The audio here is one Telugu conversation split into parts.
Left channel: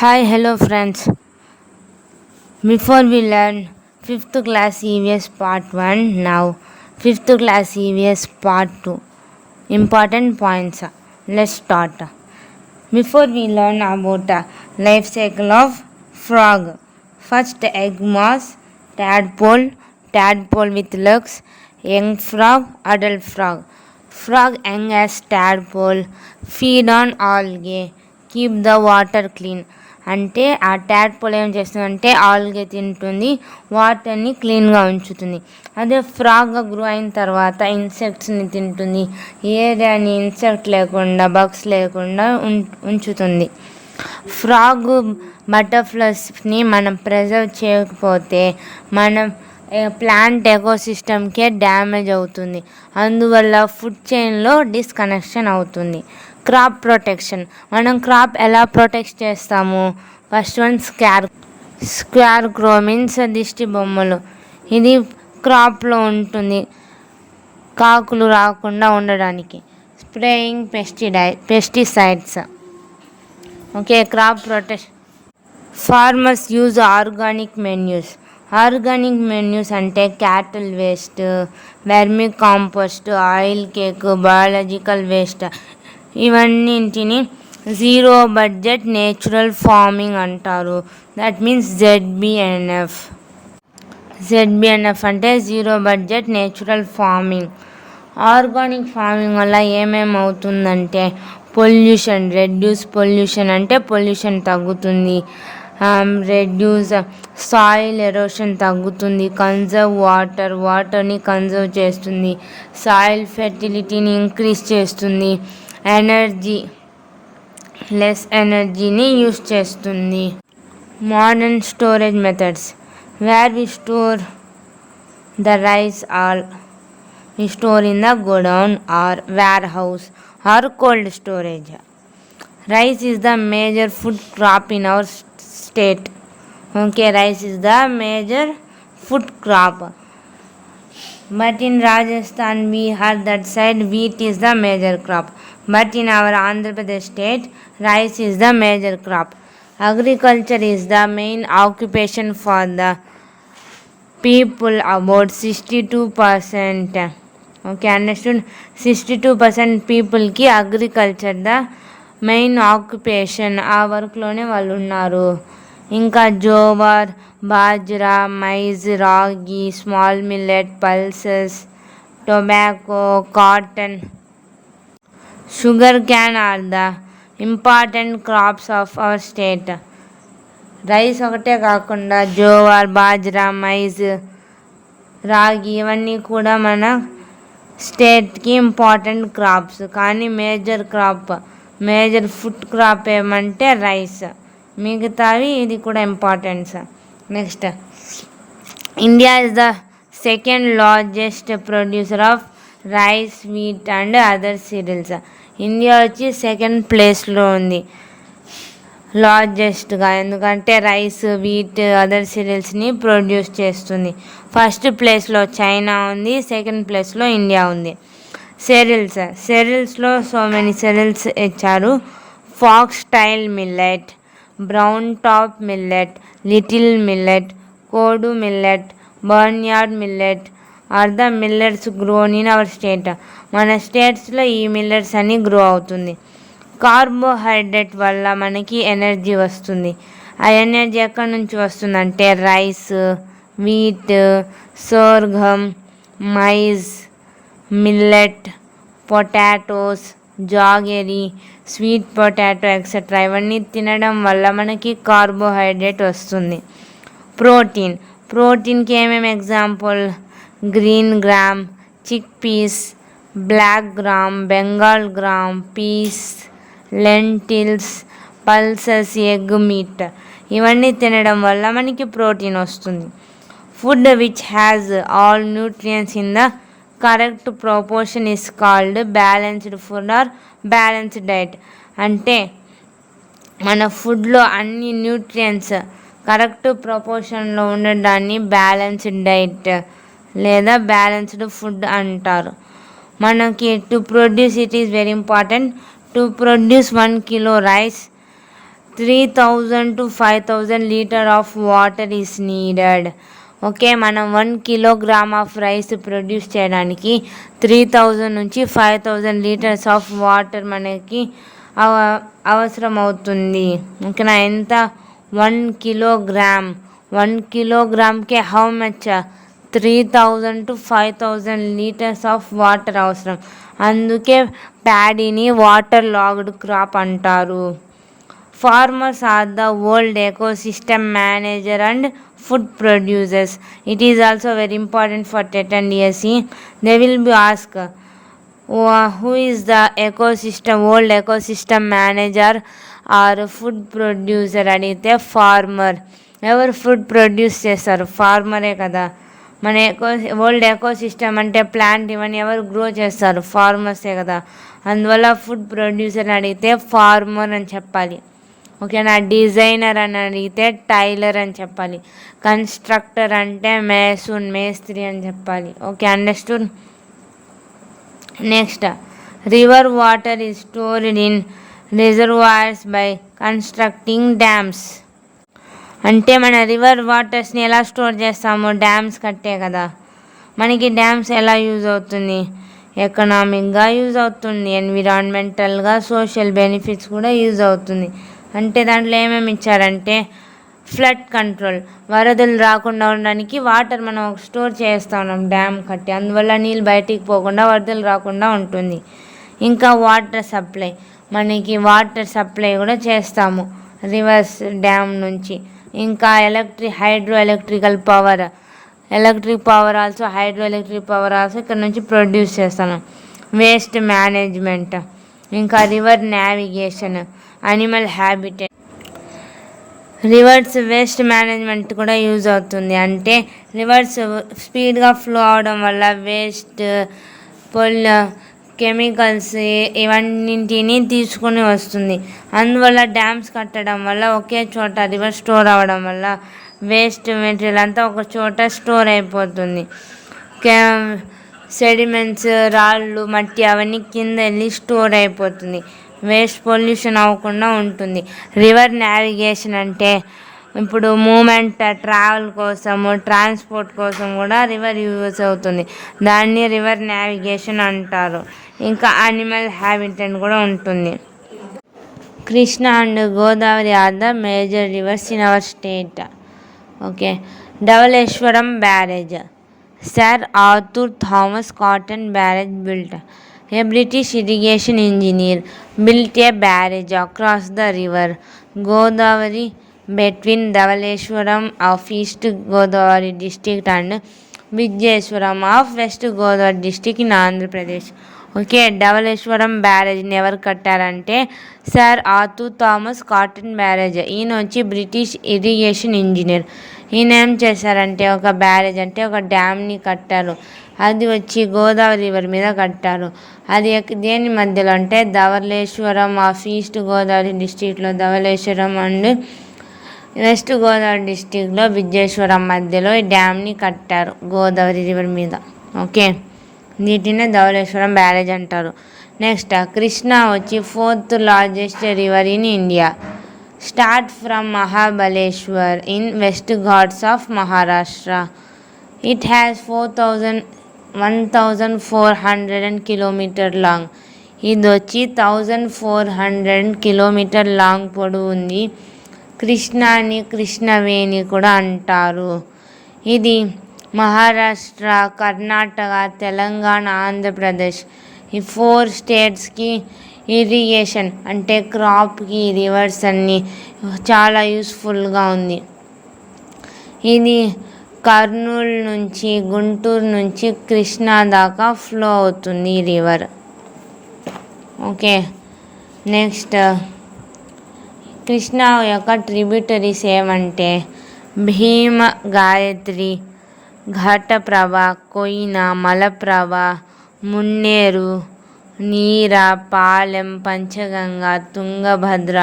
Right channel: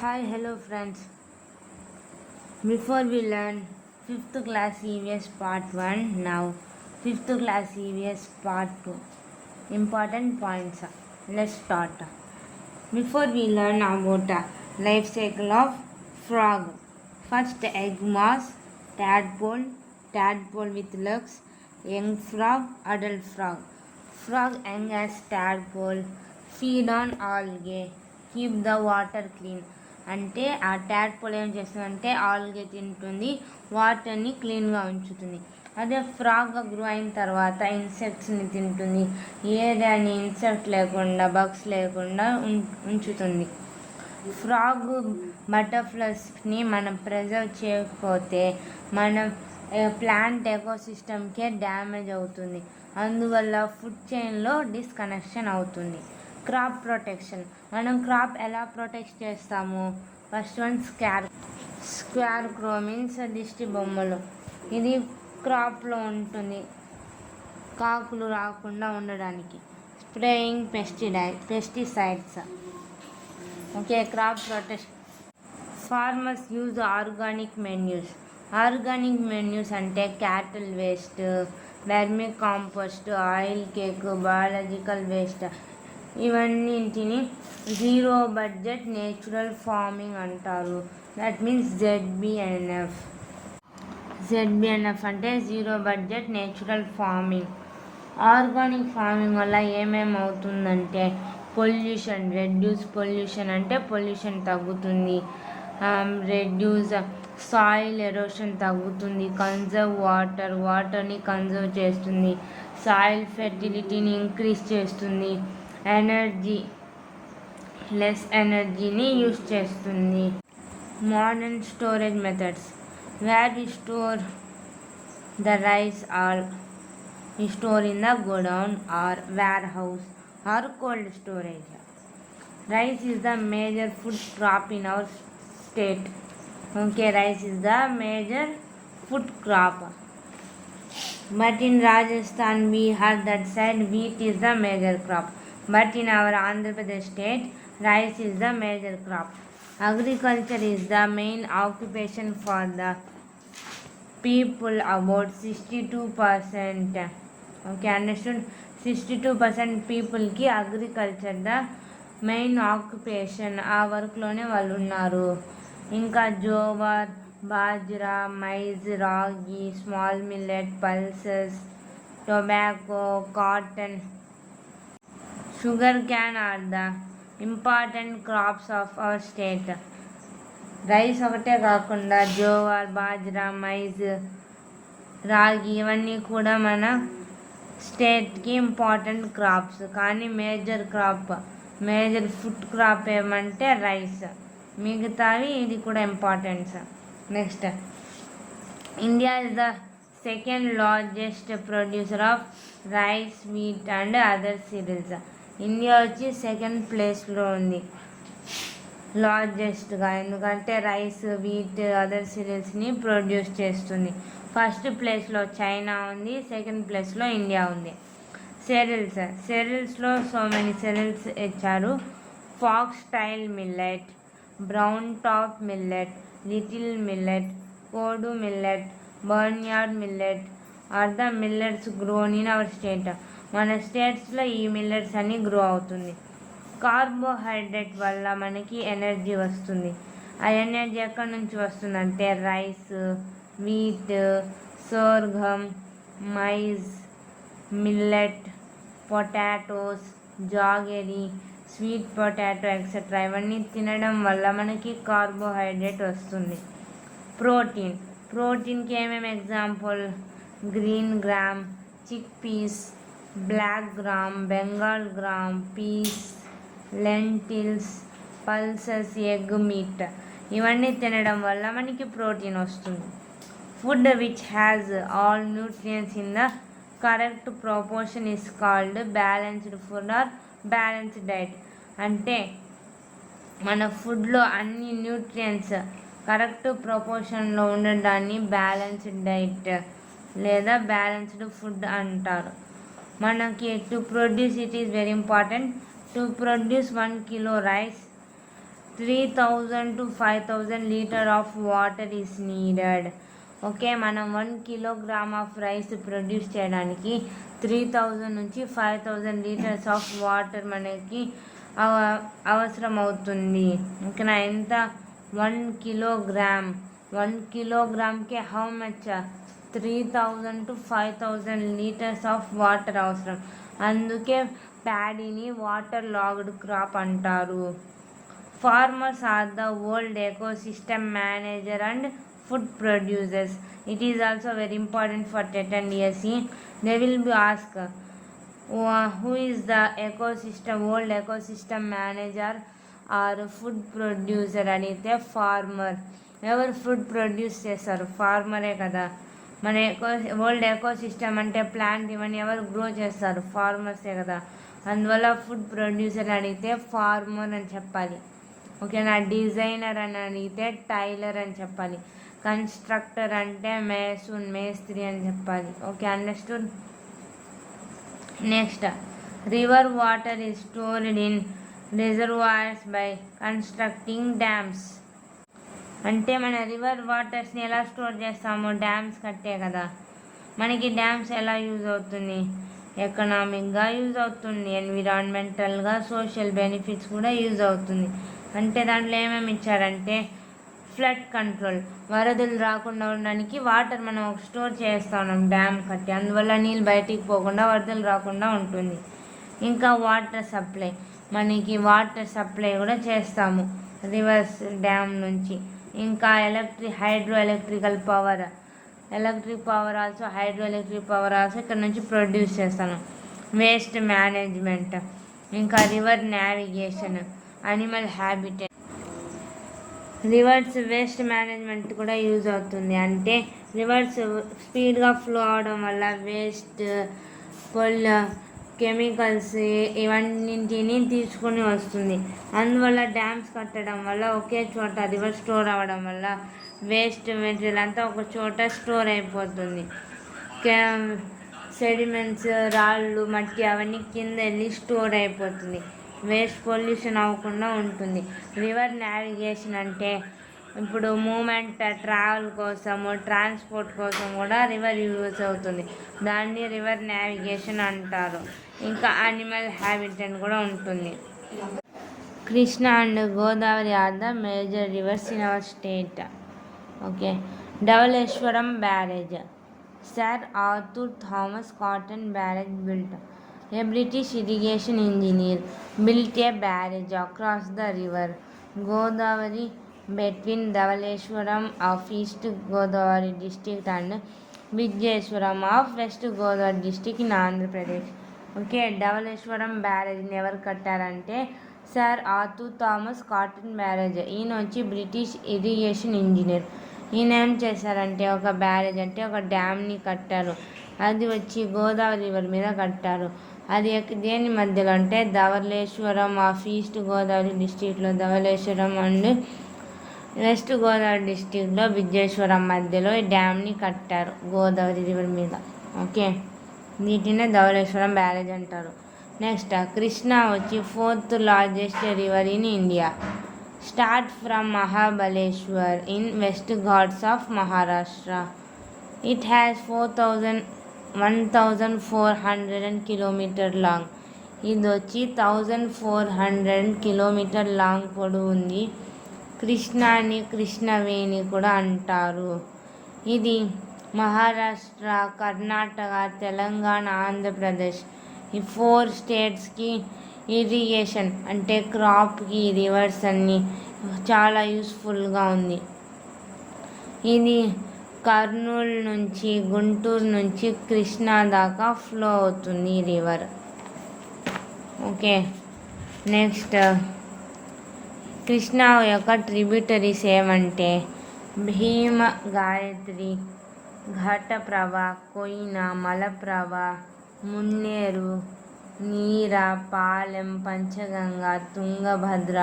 Hi, hello friends. Before we learn 5th class EVS part 1, now 5th class EVS part 2. Important points. Let's start. Before we learn about the life cycle of frog. First egg mass, tadpole with legs, young frog, adult frog. Frog young as tadpole, feed on algae, keep the water clean. అంటే ఆ ట్యాడ్పోల్ ఏం చేస్తుందంటే ఆల్గే తింటుంది, వాటర్ని క్లీన్గా ఉంచుతుంది. అదే ఫ్రాగ్ గ్రో అయిన తర్వాత ఇన్సెక్ట్స్ని తింటుంది, ఏరియాని ఇన్సెక్ట్ లేకుండా బగ్స్ లేకుండా ఉంచుతుంది. ఫ్రాగ్ బటర్ఫ్లైస్ని మనం ప్రిజర్వ్ చేయకపోతే మనం ప్లాంట్ ఎకోసిస్టమ్కే డ్యామేజ్ అవుతుంది. అందువల్ల ఫుడ్ చైన్లో డిస్కనెక్షన్ అవుతుంది. Crop protection. మనం క్రాప్ ఎలా ప్రొటెక్ట్ చేస్తాము? First one scarecrow means దిష్టి బొమ్మలు. ఇది క్రాప్లో ఉంటుంది కాకులు రాకుండా ఉండడానికి. Spraying pesticides. Okay, crop protection. Farmers use organic manures అంటే cattle waste, vermi compost, oil cake, biological waste. ఇవన్నింటిని జీరో బడ్జెట్ నేచురల్ ఫార్మింగ్ అంటారు. దట్ మీన్స్ జెడ్బిఎన్ఎఫ్ అంటే zero budget natural farming. Organic farming వల్ల ఏమేమవుతుందంటే రెడ్యూస్ పొల్యూషన్ అంటే పొల్యూషన్ తగ్గుతుంది, రెడ్యూస్ సాయిల్ ఎరోషన్ తగ్గుతుంది, కన్జర్వ్ వాటర్ని కన్జర్వ్ చేస్తుంది, సాయిల్ ఫెర్టిలిటీని ఇంక్రీజ్ చేస్తుంది, లెస్ ఎనర్జీని యూస్ చేస్తుంది. Modern storage methods where we store the rice we store in the godown or warehouse or cold storage. Rice is the major food crop in our state. Okay, rice is the major food crop. But in Rajasthan, Bihar, that side, wheat is the major crop. But in our Andhra Pradesh state, rice is the major crop. Agriculture is the main occupation for the people, about 62%. Okay, understood. 62% పీపుల్కి అగ్రికల్చర్ ద మెయిన్ ఆక్యుపేషన్. ఆ వర్క్లోనే వాళ్ళు ఉన్నారు. ఇంకా జోవర్, బాజ్రా, మైజ్, రాగి, small millet, pulses, tobacco, cotton, sugar cane are the important crops of our state. Rice ఒకటే కాకుండా జోవర్, బాజ్రా, మైజ్, రాగి ఇవన్నీ కూడా మన స్టేట్కి ఇంపార్టెంట్ క్రాప్స్. కానీ మేజర్ ఫుడ్ క్రాప్ ఏమంటే రైస్. మిగతావి ఇది కూడా importance. Next, India is the second largest producer of rice, wheat and other cereals. India వచ్చి సెకండ్ ప్లేస్లో ఉంది లార్జెస్ట్గా, ఎందుకంటే రైస్, వీట్, అదర్ సీరియల్స్ని ప్రొడ్యూస్ చేస్తుంది. ఫస్ట్ ప్లేస్లో చైనా ఉంది, సెకండ్ ప్లేస్లో ఇండియా ఉంది. సెరిల్స్లో సో మెనీ సెరిల్స్ ఇచ్చారు. Foxtail millet, brown top millet, little millet, kodo millet, barnyard millet are the millets grown in our state. మన స్టేట్స్లో ఈ మిల్లెట్స్ అన్ని గ్రో అవుతుంది. కార్బోహైడ్రేట్ వల్ల మనకి ఎనర్జీ వస్తుంది. ఆ ఎనర్జీ ఎక్కడి నుంచి వస్తుందంటే rice, wheat, sorghum, maize, millet, potatoes, jaggery, sweet potato etcetera. ఇవన్నీ తినడం వల్ల మనకి కార్బోహైడ్రేట్ వస్తుంది. ప్రోటీన్కి ఏమేమి example? Green gram, chick peas, black gram, Bengal gram, peas, lentils, pulses, egg, meat. ఇవన్నీ తినడం వల్ల మనకి ప్రోటీన్ వస్తుంది. Food which has all nutrients in the correct proportion is called balanced food or balanced diet. అంటే మన ఫుడ్లో అన్ని న్యూట్రియంట్స్ కరెక్ట్ ప్రపోర్షన్లో ఉండడాన్ని బ్యాలెన్స్డ్ డైట్ లేదా బ్యాలెన్స్డ్ ఫుడ్ అంటారు. మనకి to produce, it is very important. To produce 1 kilo rice, 3,000 to 5,000 litre of water is needed. Okay, మనం 1 కిలోగ్రామ్ ఆఫ్ రైస్ ప్రొడ్యూస్ చేయడానికి 3,000 నుంచి 5,000 లీటర్స్ ఆఫ్ వాటర్ మనకి అవసరం అవుతుంది. ఓకేనా, ఎంత? 1 కిలోగ్రామ్. 1 కిలోగ్రామ్కే how much? 3,000 to 5,000 litres of water అవసరం. అందుకే ప్యాడీని వాటర్ లాగ్డ్ క్రాప్ అంటారు. Farmers are the world ecosystem manager and food producers. It is also very important for TET and DSE. They will be asked, who is the world ecosystem manager or food producer? అడిగితే ఫార్మర్. ఎవరు ఫుడ్ ప్రొడ్యూస్ చేస్తారు? ఫార్మరే కదా. మన వరల్డ్ ఎకోసిస్టమ్ అంటే ప్లాంట్ ఇవన్నీ ఎవరు గ్రో చేస్తారు? ఫార్మర్సే కదా. అందువల్ల ఫుడ్ ప్రొడ్యూసర్ అడిగితే ఫార్మర్ అని చెప్పాలి. ఓకేనా. డిజైనర్ అని అడిగితే టైలర్ అని చెప్పాలి. కన్స్ట్రక్టర్ అంటే మేస్త్రి అని చెప్పాలి. Okay, understood. Next, river water is stored in reservoirs by constructing dams. అంటే మన రివర్ వాటర్స్ని ఎలా స్టోర్ చేస్తాము? డ్యామ్స్ కట్టే కదా. మనకి డ్యామ్స్ ఎలా యూజ్ అవుతుంది? ఎకనామిక్గా యూజ్ అవుతుంది, ఎన్విరాన్మెంటల్గా, సోషల్ బెనిఫిట్స్ కూడా యూజ్ అవుతుంది. అంటే దాంట్లో ఏమేమి ఇచ్చారంటే ఫ్లడ్ కంట్రోల్, వరదలు రాకుండా ఉండడానికి వాటర్ మనం స్టోర్ చేస్తా ఉన్నాం డ్యామ్ కట్టి, అందువల్ల నీళ్ళు బయటికి పోకుండా వరదలు రాకుండా ఉంటుంది. ఇంకా వాటర్ సప్లై, మనకి వాటర్ సప్లై కూడా చేస్తాము రివర్స్ డ్యామ్ నుంచి. ఇంకా hydro electrical power, electric power also, hydro electric power also ఇక్కడ నుంచి ప్రొడ్యూస్ చేస్తాను. వేస్ట్ మేనేజ్మెంట్, ఇంకా river navigation, animal habitat. Reverse waste management కూడా యూజ్ అవుతుంది. అంటే రివర్స్ స్పీడ్గా ఫ్లో అవడం వల్ల వేస్ట్, కెమికల్స్ ఇవన్నింటినీ తీసుకొని వస్తుంది. అందువల్ల డ్యామ్స్ కట్టడం వల్ల ఒకే చోట రివర్ స్టోర్ అవ్వడం వల్ల వేస్ట్ మెటీరియల్ అంతా ఒక చోట స్టోర్ అయిపోతుంది. సెడిమెంట్స్, రాళ్ళు, మట్టి అవన్నీ కింద వెళ్ళి స్టోర్ అయిపోతుంది. వేస్ట్ పొల్యూషన్ అవ్వకుండా ఉంటుంది. రివర్ నావిగేషన్ అంటే ఇప్పుడు మూమెంట్, ట్రావెల్ కోసము, ట్రాన్స్పోర్ట్ కోసం కూడా రివర్ యూజ్ అవుతుంది. దాన్ని రివర్ నావిగేషన్ అంటారు. ఇంకా అనిమల్ హ్యాబిటెట్ కూడా ఉంటుంది. Krishna and Godavari are the major rivers in our state. Okay, Dhavaleswaram barrage. Sir Arthur Thomas Cotton barrage built. A British irrigation engineer built a barrage across the river Godavari between Dhavaleshwaram of East Godavari district and Vijayeswaram of West Godavari district in Andhra Pradesh. Okay, Dowleswaram బ్యారేజ్ని ఎవరు కట్టారంటే sir Arthur Thomas Cotton barrage. ఈయన వచ్చి బ్రిటిష్ ఇరిగేషన్ ఇంజనీర్. ఈయన ఏం చేశారంటే ఒక బ్యారేజ్ అంటే ఒక డ్యామ్ని కట్టారు. అది వచ్చి గోదావరి రివర్ మీద కట్టారు. అది దేని మధ్యలో అంటే ధవళేశ్వరం ఆఫ్ ఈస్ట్ గోదావరి డిస్టిక్లో ధవళేశ్వరం అండ్ వెస్ట్ గోదావరి డిస్టిక్లో విజయేశ్వరం మధ్యలో ఈ డ్యామ్ని కట్టారు గోదావరి రివర్ మీద. ఓకే, వీటినే ధవళేశ్వరం బ్యారేజ్ అంటారు. నెక్స్ట్, కృష్ణ వచ్చి 4th largest river in India. Start from Mahabaleshwar in west Ghats of Maharashtra. It has 1,400 kilometer long. ఇది వచ్చి 1,400 కిలోమీటర్ లాంగ్ పొడవు ఉంది. కృష్ణాని కృష్ణవేణి కూడా అంటారు. ఇది మహారాష్ట్ర, కర్ణాటక, తెలంగాణ, ఆంధ్రప్రదేశ్ ఈ 4 స్టేట్స్కి ఇరిగేషన్ అంటే క్రాప్కి రివర్స్ అన్నీ చాలా యూస్ఫుల్గా ఉంది. ఇది కర్నూలు నుంచి, గుంటూరు నుంచి కృష్ణా దాకా ఫ్లో అవుతుంది ఈ రివర్. ఓకే, నెక్స్ట్, కృష్ణా యొక్క ట్రిబ్యూటరీస్ ఏమంటే భీమ, గాయత్రి, ఘటప్రభ, కొయిన, మలప్రభ, మున్నేరు, నీర, పాలెం, పంచగంగ, తుంగభద్ర,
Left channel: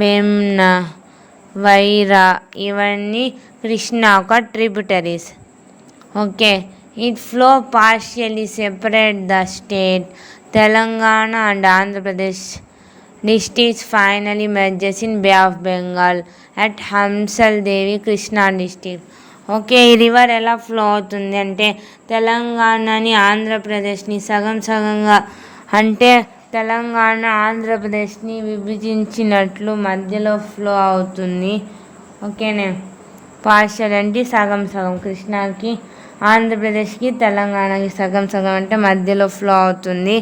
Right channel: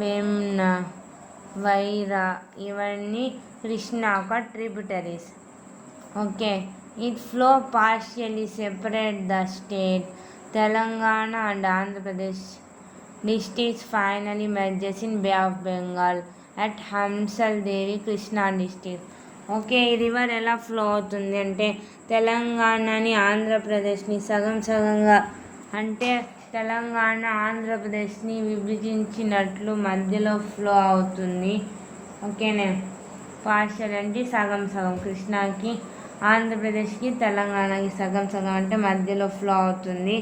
వేమ్న, వైరా ఇవన్నీ కృష్ణ ఒక tributaries. Okay, it flow partially separate the state Telangana and Andhra Pradesh districts finally merges in Bay of Bengal at Hamsal Devi Krishna district. Okay, ఈ రివర్ ఎలా ఫ్లో అవుతుంది అంటే తెలంగాణని ఆంధ్రప్రదేశ్ని సగం సగంగా అంటే తెలంగాణ ఆంధ్రప్రదేశ్ని విభజించినట్లు మధ్యలో ఫ్లో అవుతుంది. ఓకేనే, పార్షల్ అంటే సగం సగం, కృష్ణాకి ఆంధ్రప్రదేశ్కి తెలంగాణకి సగం సగం అంటే మధ్యలో ఫ్లో అవుతుంది.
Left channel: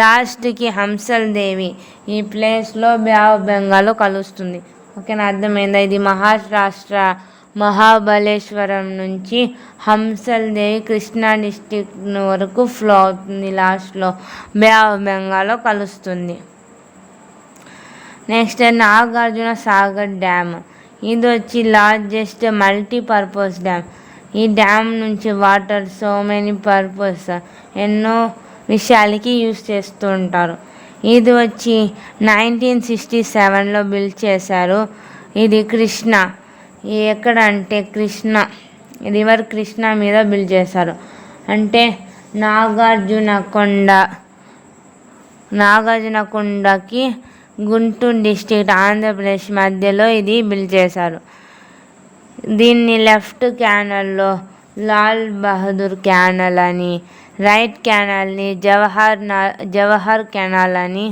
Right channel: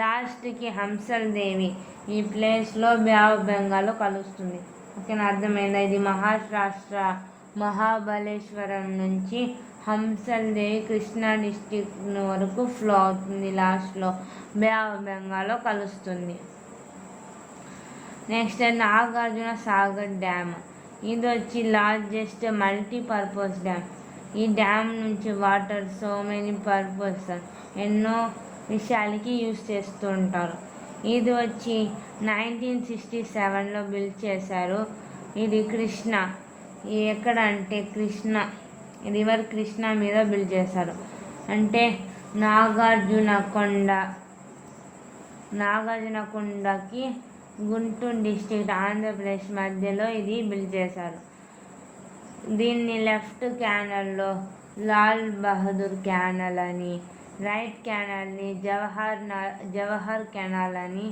లాస్ట్కి హంసల్ దేవి ఈ ప్లేస్లో బే ఆఫ్ బెంగాల్లో కలుస్తుంది. ఓకేనా, అర్థమైందా? ఇది మహారాష్ట్ర మహాబలేశ్వరం నుంచి హంసల్ దేవి కృష్ణా డిస్టిక్ వరకు ఫ్లో అవుతుంది. లాస్ట్లో బే ఆఫ్ బెంగాల్లో కలుస్తుంది. Next Nagarjuna Sagar dam. ఇది వచ్చి లార్జెస్ట్ మల్టీపర్పస్ డ్యామ్. ఈ డ్యామ్ నుంచి వాటర్ సో మెనీ పర్పస్ ఎన్నో విషయాలకి యూజ్ చేస్తూ ఉంటారు. ఇది వచ్చి 1967లో బిల్డ్ చేశారు. ఇది కృష్ణ ఎక్కడ అంటే రివర్ కృష్ణ మీద బిల్డ్ చేశారు. అంటే నాగార్జునకొండకి గుంటూరు డిస్ట్రిక్ట్ ఆంధ్రప్రదేశ్ మధ్యలో ఇది బిల్డ్ చేశారు. దీన్ని లెఫ్ట్ క్యానల్లో లాల్ బహదూర్ క్యానల్ అని, రైట్ క్యానల్ని జవహర్ కెనాల్ అని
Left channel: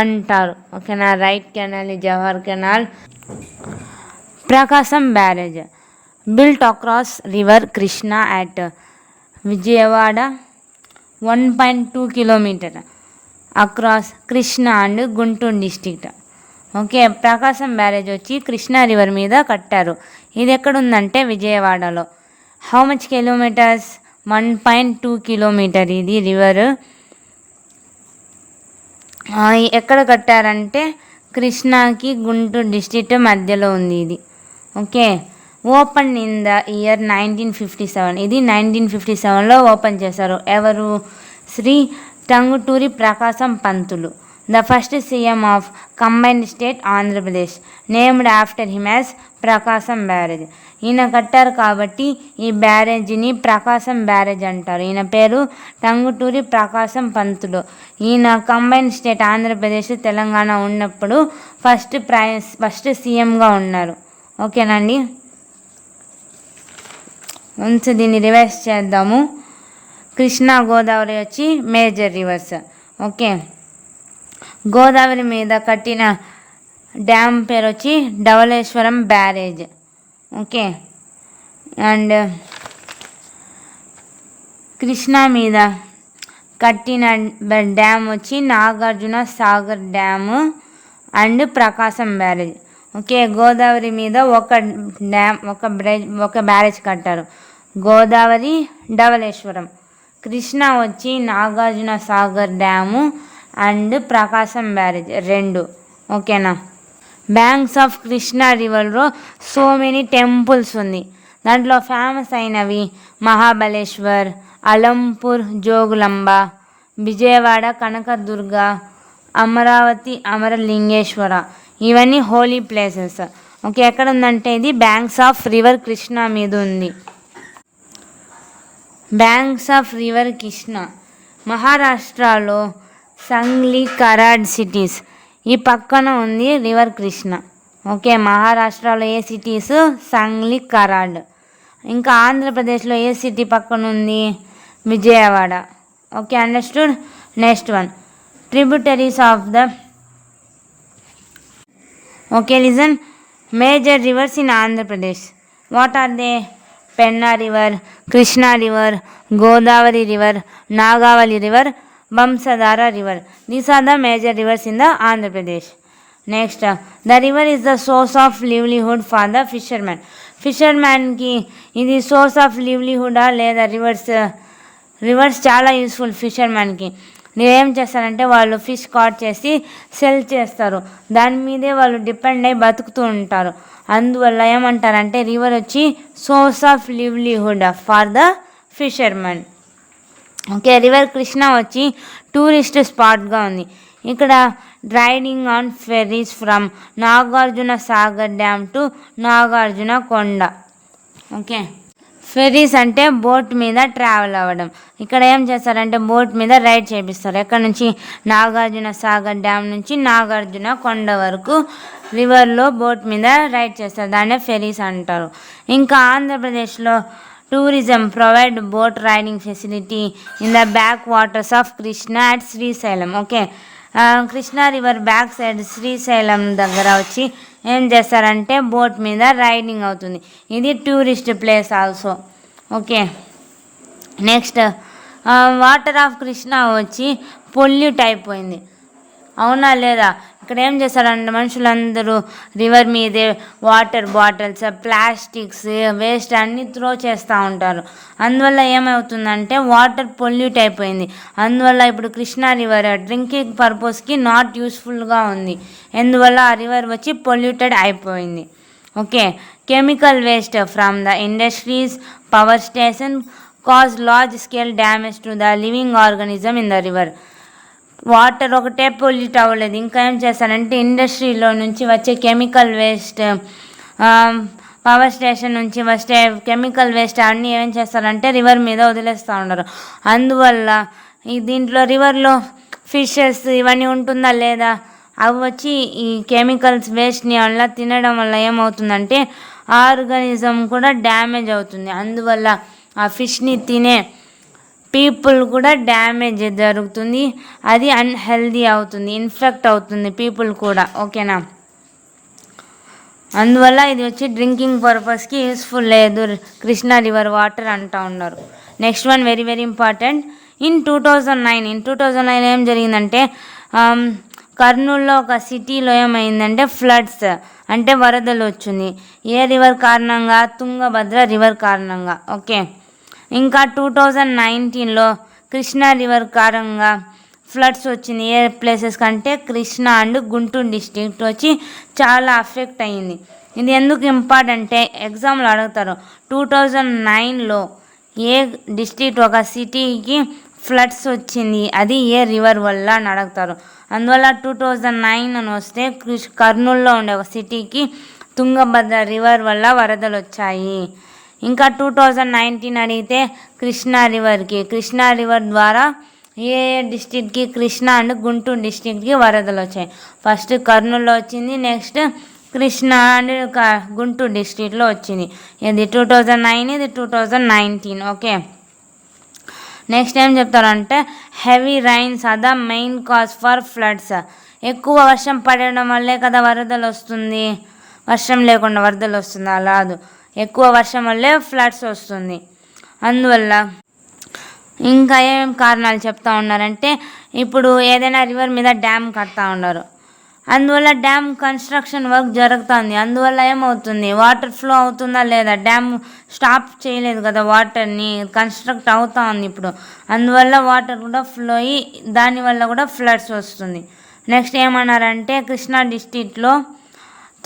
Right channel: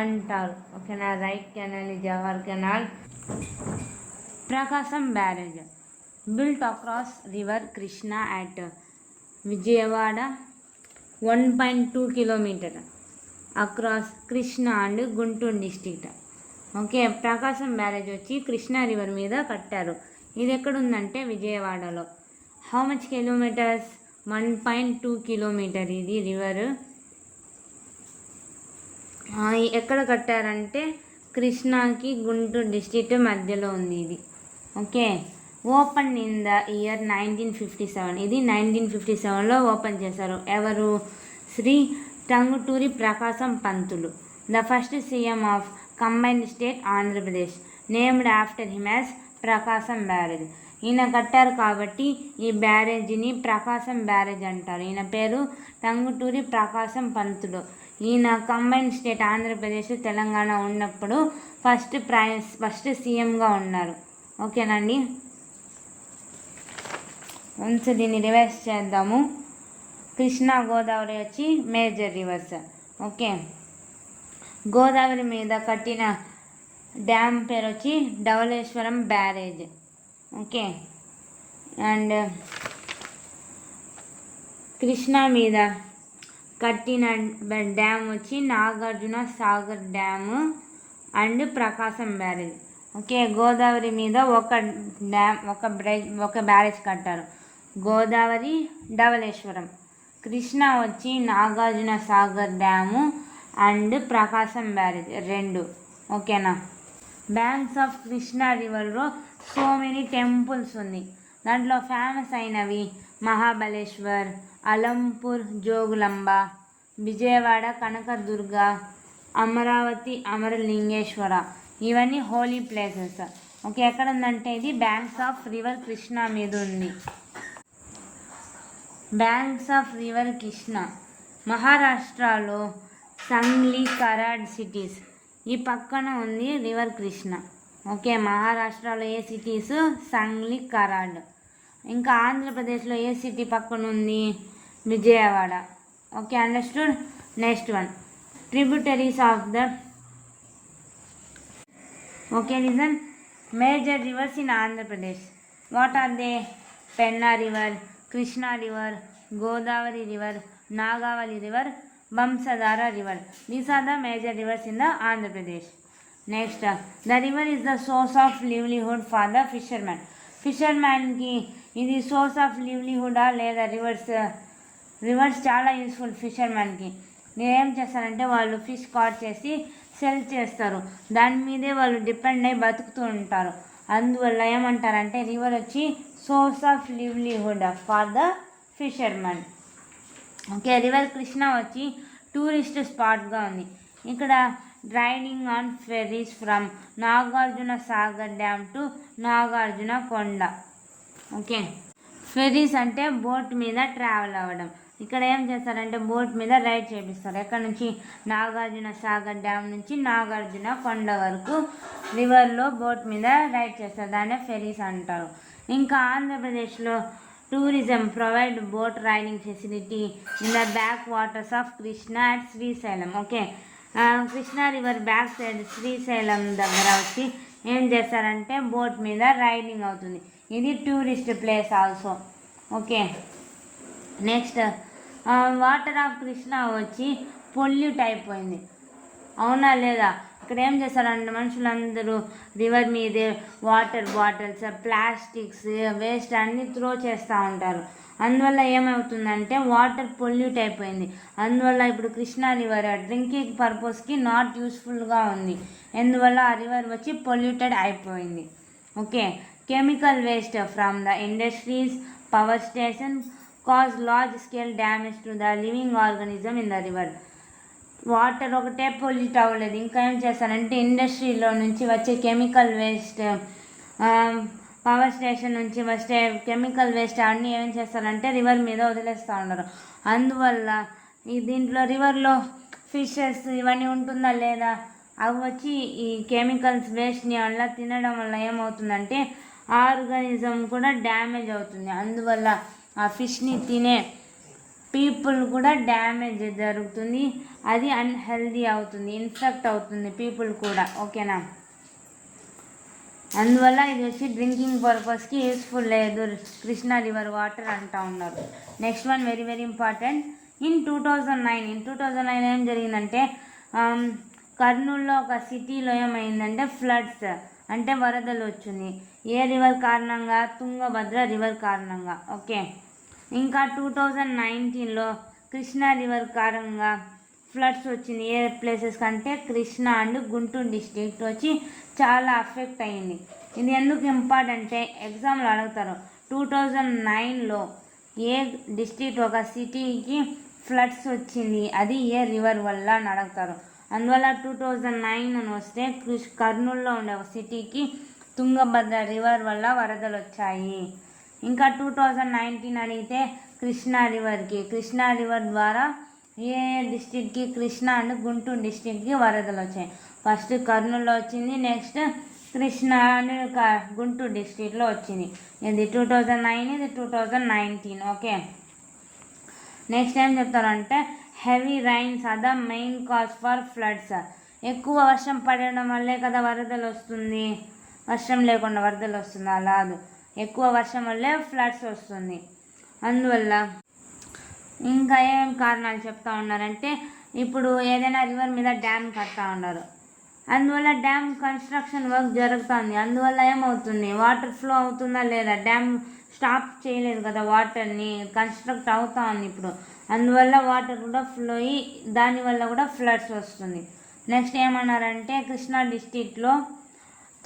అంటారు. ఓకేనా, రైట్ కెనాల్ని Jawahar canal. Prakasam barrage built across river Krishna at Vijayawada 1.2 kilometre across Krishna and Guntur district. Okay, Prakasam barrage వచ్చి కృష్ణా రివర్ మీద కట్టారు. ఇది ఎక్కడుందంటే విజయవాడలో. How much kilometres? 1.2 కిలోమీటర్ ఇది రివర్. ఎక్కడ కట్టారంటే కృష్ణాకి గుంటూరు డిస్ట్రిక్ట్ మధ్యలో ఉంది ఇది. Okay, open in the year 1957. ఇది 1957లో ఓపెన్ చేశారు. ఎవరు? Shri Tanguturi Prakasam Pantulu, the first CM of combined state Andhra Pradesh, named after him as Prakasam barrage. ఈయన కట్టారు కాబట్టి ఈ బ్యారేజీని ప్రకాశం బ్యారేజ్ అంటారు. ఈయన పేరు టంగుటూరి ప్రకాశం పంతులు. ఈయన కంబైన్డ్ స్టేట్ ఆంధ్రప్రదేశ్ తెలంగాణ ఉన్నప్పుడు ఫస్ట్ సీఎంగా ఉన్నారు. ఓకేనండి, వన్స్ దీన్ని రివైజ్ చేద్దాము. కృష్ణా గోదావరి వచ్చి మేజర్ రివర్స్. ఓకే, గోదావరి మీద కట్టిన డ్యామ్ పేరు వచ్చి Dowleswaram barrage. Okay, and Krishna మీద కట్టిన డ్యామ్ వచ్చి Nagarjuna Sagar dam and Prakasam barrage. Okay, Godavari మీద ఒక బ్యారేజ్ కట్టారు, గోదావరి ధవళేశ్వరం. కృష్ణా వచ్చి Nagarjuna Sagar dam and Prakasam barrage 2. ఓకేనా, బ్యాంక్స్ ఆఫ్ కృష్ణా రివర్లో సో మెనీ టెంపుల్స్ ఉంది. దాంట్లో ఫేమస్ అయినవి మహాబలేశ్వర్, అలంపూర్ జోగులాంబ, విజయవాడ కనకదుర్గ, అమరావతి అమరలింగేశ్వర. ఇవన్నీ హోలీ ప్లేసెస్. ఓకే, ఎక్కడ ఉందంటే ఇది బ్యాంక్స్ ఆఫ్ రివర్ కృష్ణా మీద ఉంది. బ్యాంక్స్ ఆఫ్ రివర్ కృష్ణ మహారాష్ట్రలో సంగ్లీ, కరాడ్ సిటీస్ ఈ పక్కన ఉంది రివర్ కృష్ణ. ఓకే, మహారాష్ట్రలో ఏ సిటీస్? సంగ్లీ, కరాడ్. ఇంకా ఆంధ్రప్రదేశ్లో ఏ సిటీ పక్కన ఉంది? Vijayawada. Okay, understood. Next one, tributaries of the. Okay, listen. Major rivers in Andhra Pradesh. What are they? Penna river, Krishna river, Godavari river, Nagavali river, Vamsadhara river. These are the major rivers in the Andhra Pradesh. Next, the river is the source of livelihood for the fishermen. ఫిషర్మ్యాన్కి ఇది సోర్స్ ఆఫ్ లివ్లీహుడా లేదా రివర్స్ చాలా యూస్ఫుల్ ఫిషర్మ్యాన్కి. ఏం చేస్తారంటే వాళ్ళు ఫిష్ కాట్ చేసి సెల్ చేస్తారు, దాని మీదే వాళ్ళు డిపెండ్ అయ్యి బతుకుతూ ఉంటారు. అందువల్ల ఏమంటారంటే రివర్ వచ్చి source of livelihood for the fishermen. Okay, river Krishna వచ్చి టూరిస్ట్ స్పాట్గా ఉంది. ఇక్కడ riding on Ferris from Nagarjuna Sagar dam to Nagarjuna కొండ. ఓకే, ఫెరీస్ అంటే బోట్ మీద ట్రావెల్ అవ్వడం. ఇక్కడ ఏం చేస్తారంటే బోట్ మీద రైడ్ చేపిస్తారు. ఎక్కడ నుంచి? నాగార్జున సాగర్ డ్యామ్ నుంచి నాగార్జున కొండ వరకు రివర్లో బోట్ మీద రైడ్ చేస్తారు. దాన్నే ఫెరీస్ అంటారు. ఇంకా ఆంధ్రప్రదేశ్లో tourism provide boat riding facility in the back waters of Krishna at Srisailam. Okay, Krishna river back side Srisailam దగ్గర వచ్చి ఏం చేస్తారంటే బోట్ మీద రైడింగ్ అవుతుంది. ఇది tourist place also. Okay, next water of Krishna వచ్చి పొల్యూట్ అయిపోయింది. అవునా లేదా? ఇక్కడ ఏం చేస్తారంటే మనుషులందరూ రివర్ మీదే వాటర్ బాటిల్స్, ప్లాస్టిక్స్, వేస్ట్ అన్నీ త్రో చేస్తూ ఉంటారు. అందువల్ల ఏమవుతుందంటే వాటర్ పొల్యూట్ అయిపోయింది. అందువల్ల ఇప్పుడు కృష్ణా రివర్ డ్రింకింగ్ పర్పస్కి నాట్ యూస్ఫుల్గా ఉంది. ఎందువల్ల ఆ రివర్ వచ్చి పొల్యూటెడ్ అయిపోయింది. Okay, chemical waste from the industries, power station cause large scale damage to the living organism in the river. Water ఒకటే పొల్యూట్ అవ్వలేదు, ఇంకా ఏం చేస్తారంటే ఇండస్ట్రీలో నుంచి వచ్చే కెమికల్ వేస్ట్, పవర్ స్టేషన్ నుంచి వచ్చే కెమికల్ వేస్ట్ అన్నీ ఏం చేస్తారంటే రివర్ మీద వదిలేస్తూ ఉన్నారు. అందువల్ల దీంట్లో రివర్లో ఫిషెస్ ఇవన్నీ ఉంటుందా లేదా? అవి వచ్చి ఈ కెమికల్స్ వేస్ట్ని వల్ల తినడం వల్ల ఏమవుతుందంటే ఆర్గానిజం కూడా డ్యామేజ్ అవుతుంది. అందువల్ల ఆ ఫిష్ని తినే పీపుల్ కూడా డ్యామేజ్ జరుగుతుంది. అది అన్హెల్దీ అవుతుంది, ఇన్ఫెక్ట్ అవుతుంది పీపుల్ కూడా. ఓకేనా? అందువల్ల ఇది వచ్చి డ్రింకింగ్ పర్పస్కి యూస్ఫుల్ లేదు కృష్ణా రివర్ వాటర్ అంటూ ఉన్నారు. Next one very very important. In 2009 ఏం జరిగిందంటే కర్నూలులో ఒక సిటీలో ఏమైందంటే ఫ్లడ్స్ అంటే వరదలు వచ్చింది. ఏ రివర్ కారణంగా? తుంగభద్ర రివర్ కారణంగా. ఓకే, ఇంకా 2019లో కృష్ణా రివర్ కారణంగా ఫ్లడ్స్ వచ్చింది. ఏ ప్లేసెస్ కంటే కృష్ణా అండ్ గుంటూరు డిస్ట్రిక్ట్ వచ్చి చాలా అఫెక్ట్ అయ్యింది. ఇది ఎందుకు ఇంపార్టెంట్? ఎగ్జామ్లో అడుగుతారు. 2009లో ఏ డిస్ట్రిక్ట్ ఒక సిటీకి ఫ్లడ్స్ వచ్చింది, అది ఏ రివర్ వల్ల అని అడుగుతారు. అందువల్ల 2009 అని వస్తే కర్నూలులో ఉండే ఒక సిటీకి తుంగభద్ర రివర్ వల్ల వరదలు వచ్చాయి. ఇంకా 2019 అడిగితే కృష్ణా రివర్ ద్వారా ఏ డిస్ట్రిక్ట్కి? కృష్ణా అండ్ గుంటూరు డిస్ట్రిక్ట్కి వరదలు వచ్చాయి. ఫస్ట్ కర్నూలులో వచ్చింది, నెక్స్ట్ కృష్ణా అండ్ గుంటూరు డిస్ట్రిక్ట్లో వచ్చింది. ఇది 2009, ఇది 2019. ఓకే, నెక్స్ట్ ఏం చెప్తారంటే heavy rains are the main cause for floods. ఎక్కువ వర్షం పడడం వల్లే కదా వరదలు వస్తుంది. వర్షం లేకుండా వరదలు వస్తుందా? రాదు. ఎక్కువ వర్షం వల్లే ఫ్లడ్స్ వస్తుంది. అందువల్ల ఇంకా ఏం కారణాలు చెప్తా ఉన్నారంటే ఇప్పుడు ఏదైనా రివర్ మీద డ్యామ్ కడతా ఉన్నారు. అందువల్ల డ్యామ్ కన్స్ట్రక్షన్ వర్క్ జరుగుతుంది. అందువల్ల ఏమవుతుంది? వాటర్ ఫ్లో అవుతుందా లేదా? డ్యామ్ స్టాప్ చేయలేదు కదా వాటర్ని, కన్స్ట్రక్ట్ అవుతా ఉంది ఇప్పుడు. అందువల్ల వాటర్ కూడా ఫ్లో అయ్యి దానివల్ల కూడా ఫ్లడ్స్ వస్తుంది. నెక్స్ట్ ఏమన్నారంటే కృష్ణా డిస్ట్రిక్ట్లో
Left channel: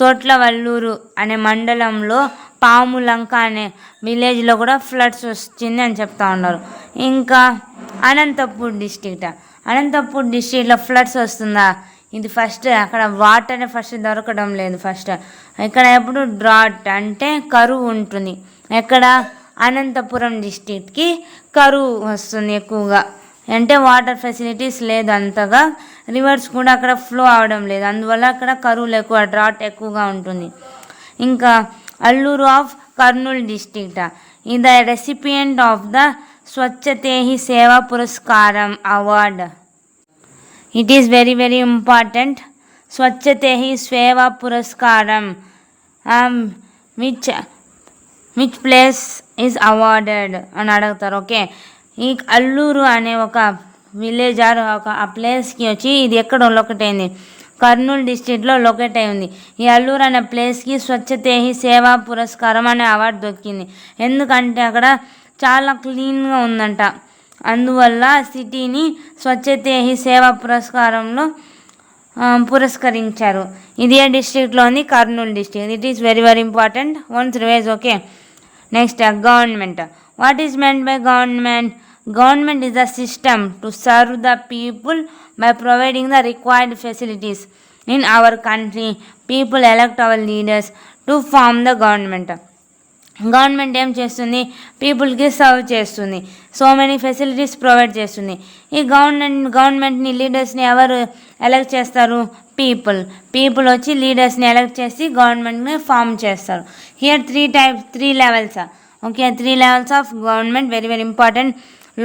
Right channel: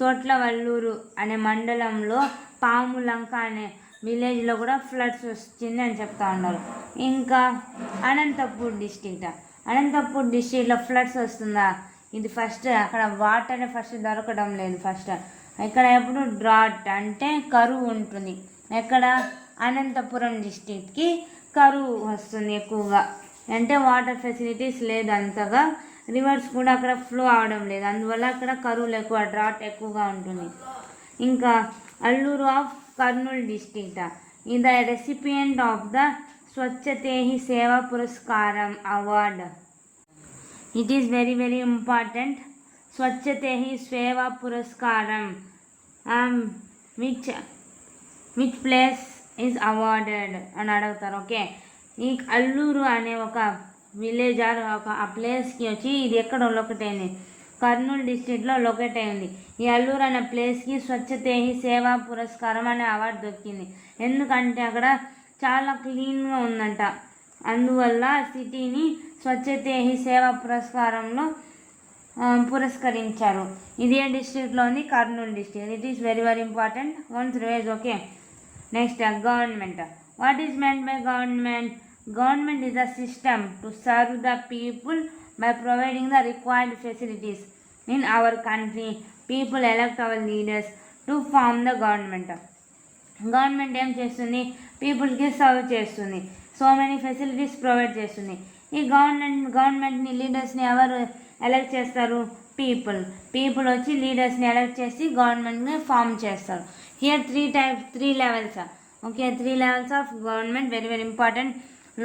తోట్లవల్లూరు అనే మండలంలో పాములంక అనే విలేజ్లో కూడా ఫ్లడ్స్ వచ్చింది అని చెప్తా ఉన్నారు. ఇంకా అనంతపూర్ డిస్ట్రిక్ట్లో ఫ్లడ్స్ వస్తుందా? ఇది ఫస్ట్ అక్కడ వాటర్ ఫస్ట్ దొరకడం లేదు. ఫస్ట్ ఇక్కడ ఎప్పుడు డ్రాట్ అంటే కరువు ఉంటుంది. ఎక్కడ? అనంతపురం డిస్ట్రిక్ట్కి కరువు వస్తుంది ఎక్కువగా. అంటే వాటర్ ఫెసిలిటీస్ లేదు అంతగా, రివర్స్ కూడా అక్కడ ఫ్లో అవడం లేదు. అందువల్ల అక్కడ కరువులు ఎక్కువ, డ్రాట్ ఎక్కువగా ఉంటుంది. ఇంకా అల్లూరు ఆఫ్ కర్నూలు డిస్ట్రిక్ట్ ఈ the recipient of the Swachhta Hi Seva Puraskaram award. It is very very important. Swachhta Hi Seva Puraskaram which place is awarded అని అడుగుతారు. ఓకే, ఈ అల్లూరు అనే ఒక విలేజ్ ఆర్ ఆ ప్లేస్కి వచ్చి ఇది ఎక్కడ లొకేట్ అయింది? కర్నూలు డిస్ట్రిక్ట్లో లొకేట్ అయి ఉంది. ఈ అల్లూరు అనే ప్లేస్కి స్వచ్ఛతేహి సేవా పురస్కారం అనే అవార్డు దొరికింది. ఎందుకంటే అక్కడ చాలా క్లీన్గా ఉందంట. అందువల్ల సిటీని స్వచ్ఛతేహి సేవా పురస్కారంలో పురస్కరించారు. ఇది ఏ డిస్ట్రిక్ట్లో ఉంది? Kurnool district. It is very very important. Once revise. Okay, next government. What is meant by government? Government is a system to serve the people by providing the required facilities. In our country, people elect our leaders to form the government. Government ఏం చేస్తుంది, పీపుల్కి సర్వ్ చేస్తుంది, సో మెనీ ఫెసిలిటీస్ ప్రొవైడ్ చేస్తుంది. ఈ గవర్నమెంట్ని లీడర్స్ని ఎవరు ఎలక్ట్ చేస్తారు, పీపుల్ వచ్చి లీడర్స్ని ఎలక్ట్ చేసి గవర్నమెంట్ని ఫామ్ చేస్తారు. Here three levels. Okay, 3 levels of government, very very important.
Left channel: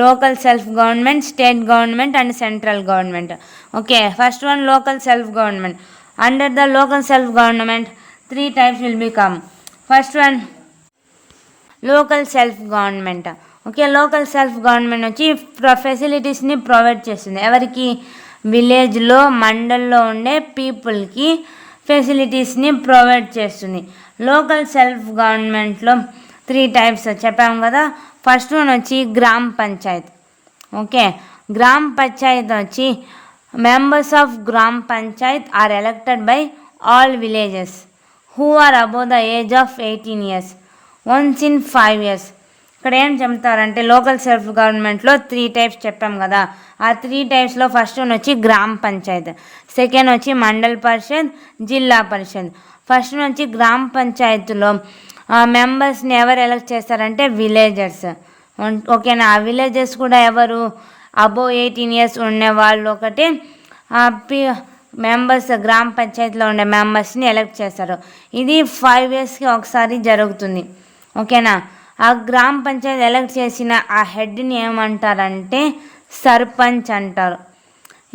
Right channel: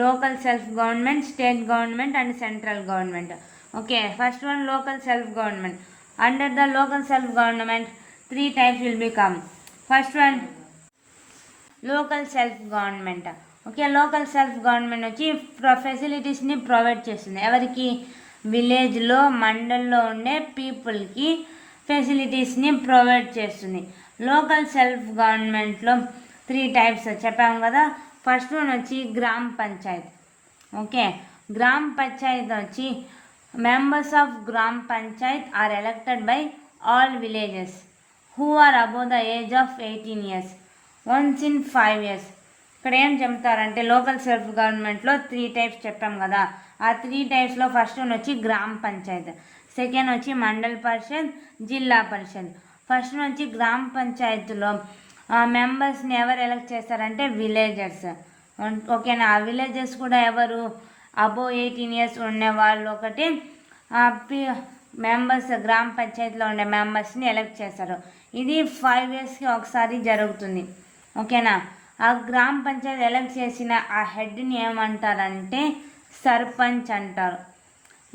Local self government, state government and central government. Okay, first one local self government. Under the local self government 3 types will become. First one local self government. Okay, local self government వచ్చి ఫెసిలిటీస్ని ప్రొవైడ్ చేస్తుంది. ఎవరికి, విలేజ్లో మండల్లో ఉండే పీపుల్కి ఫెసిలిటీస్ని ప్రొవైడ్ చేస్తుంది. లోకల్ సెల్ఫ్ గవర్నమెంట్లో 3 types చెప్పాము కదా. ఫస్ట్ వన్ వచ్చి గ్రామ పంచాయత్. ఓకే, గ్రామ పంచాయత్ వచ్చి members of gram panchayat are elected by all villages who are above the age of 18 years once in 5 years. ఇక్కడ ఏం చెప్తారంటే లోకల్ సెల్ఫ్ గవర్నమెంట్లో 3 types చెప్పాం కదా. ఆ 3 typesలో ఫస్ట్ వన్ వచ్చి గ్రామ పంచాయత్, సెకండ్ వచ్చి మండల్ పరిషత్, జిల్లా పరిషత్. ఫస్ట్ వచ్చి గ్రామ పంచాయతీలో మెంబర్స్ని ఎవరు ఎలక్ట్ చేస్తారంటే విలేజర్స్. ఓకేనా, ఆ విలేజర్స్ కూడా ఎవరు, అబోవ్ 18 years ఉండే వాళ్ళు ఒకటి మెంబర్స్, గ్రామ పంచాయతీలో ఉండే మెంబర్స్ని ఎలక్ట్ చేస్తారు. ఇది 5 yearsకి ఒకసారి జరుగుతుంది. ఓకేనా, ఆ గ్రామ పంచాయతీ ఎలక్ట్ చేసిన ఆ హెడ్ని ఏమంటారంటే సర్పంచ్ అంటారు.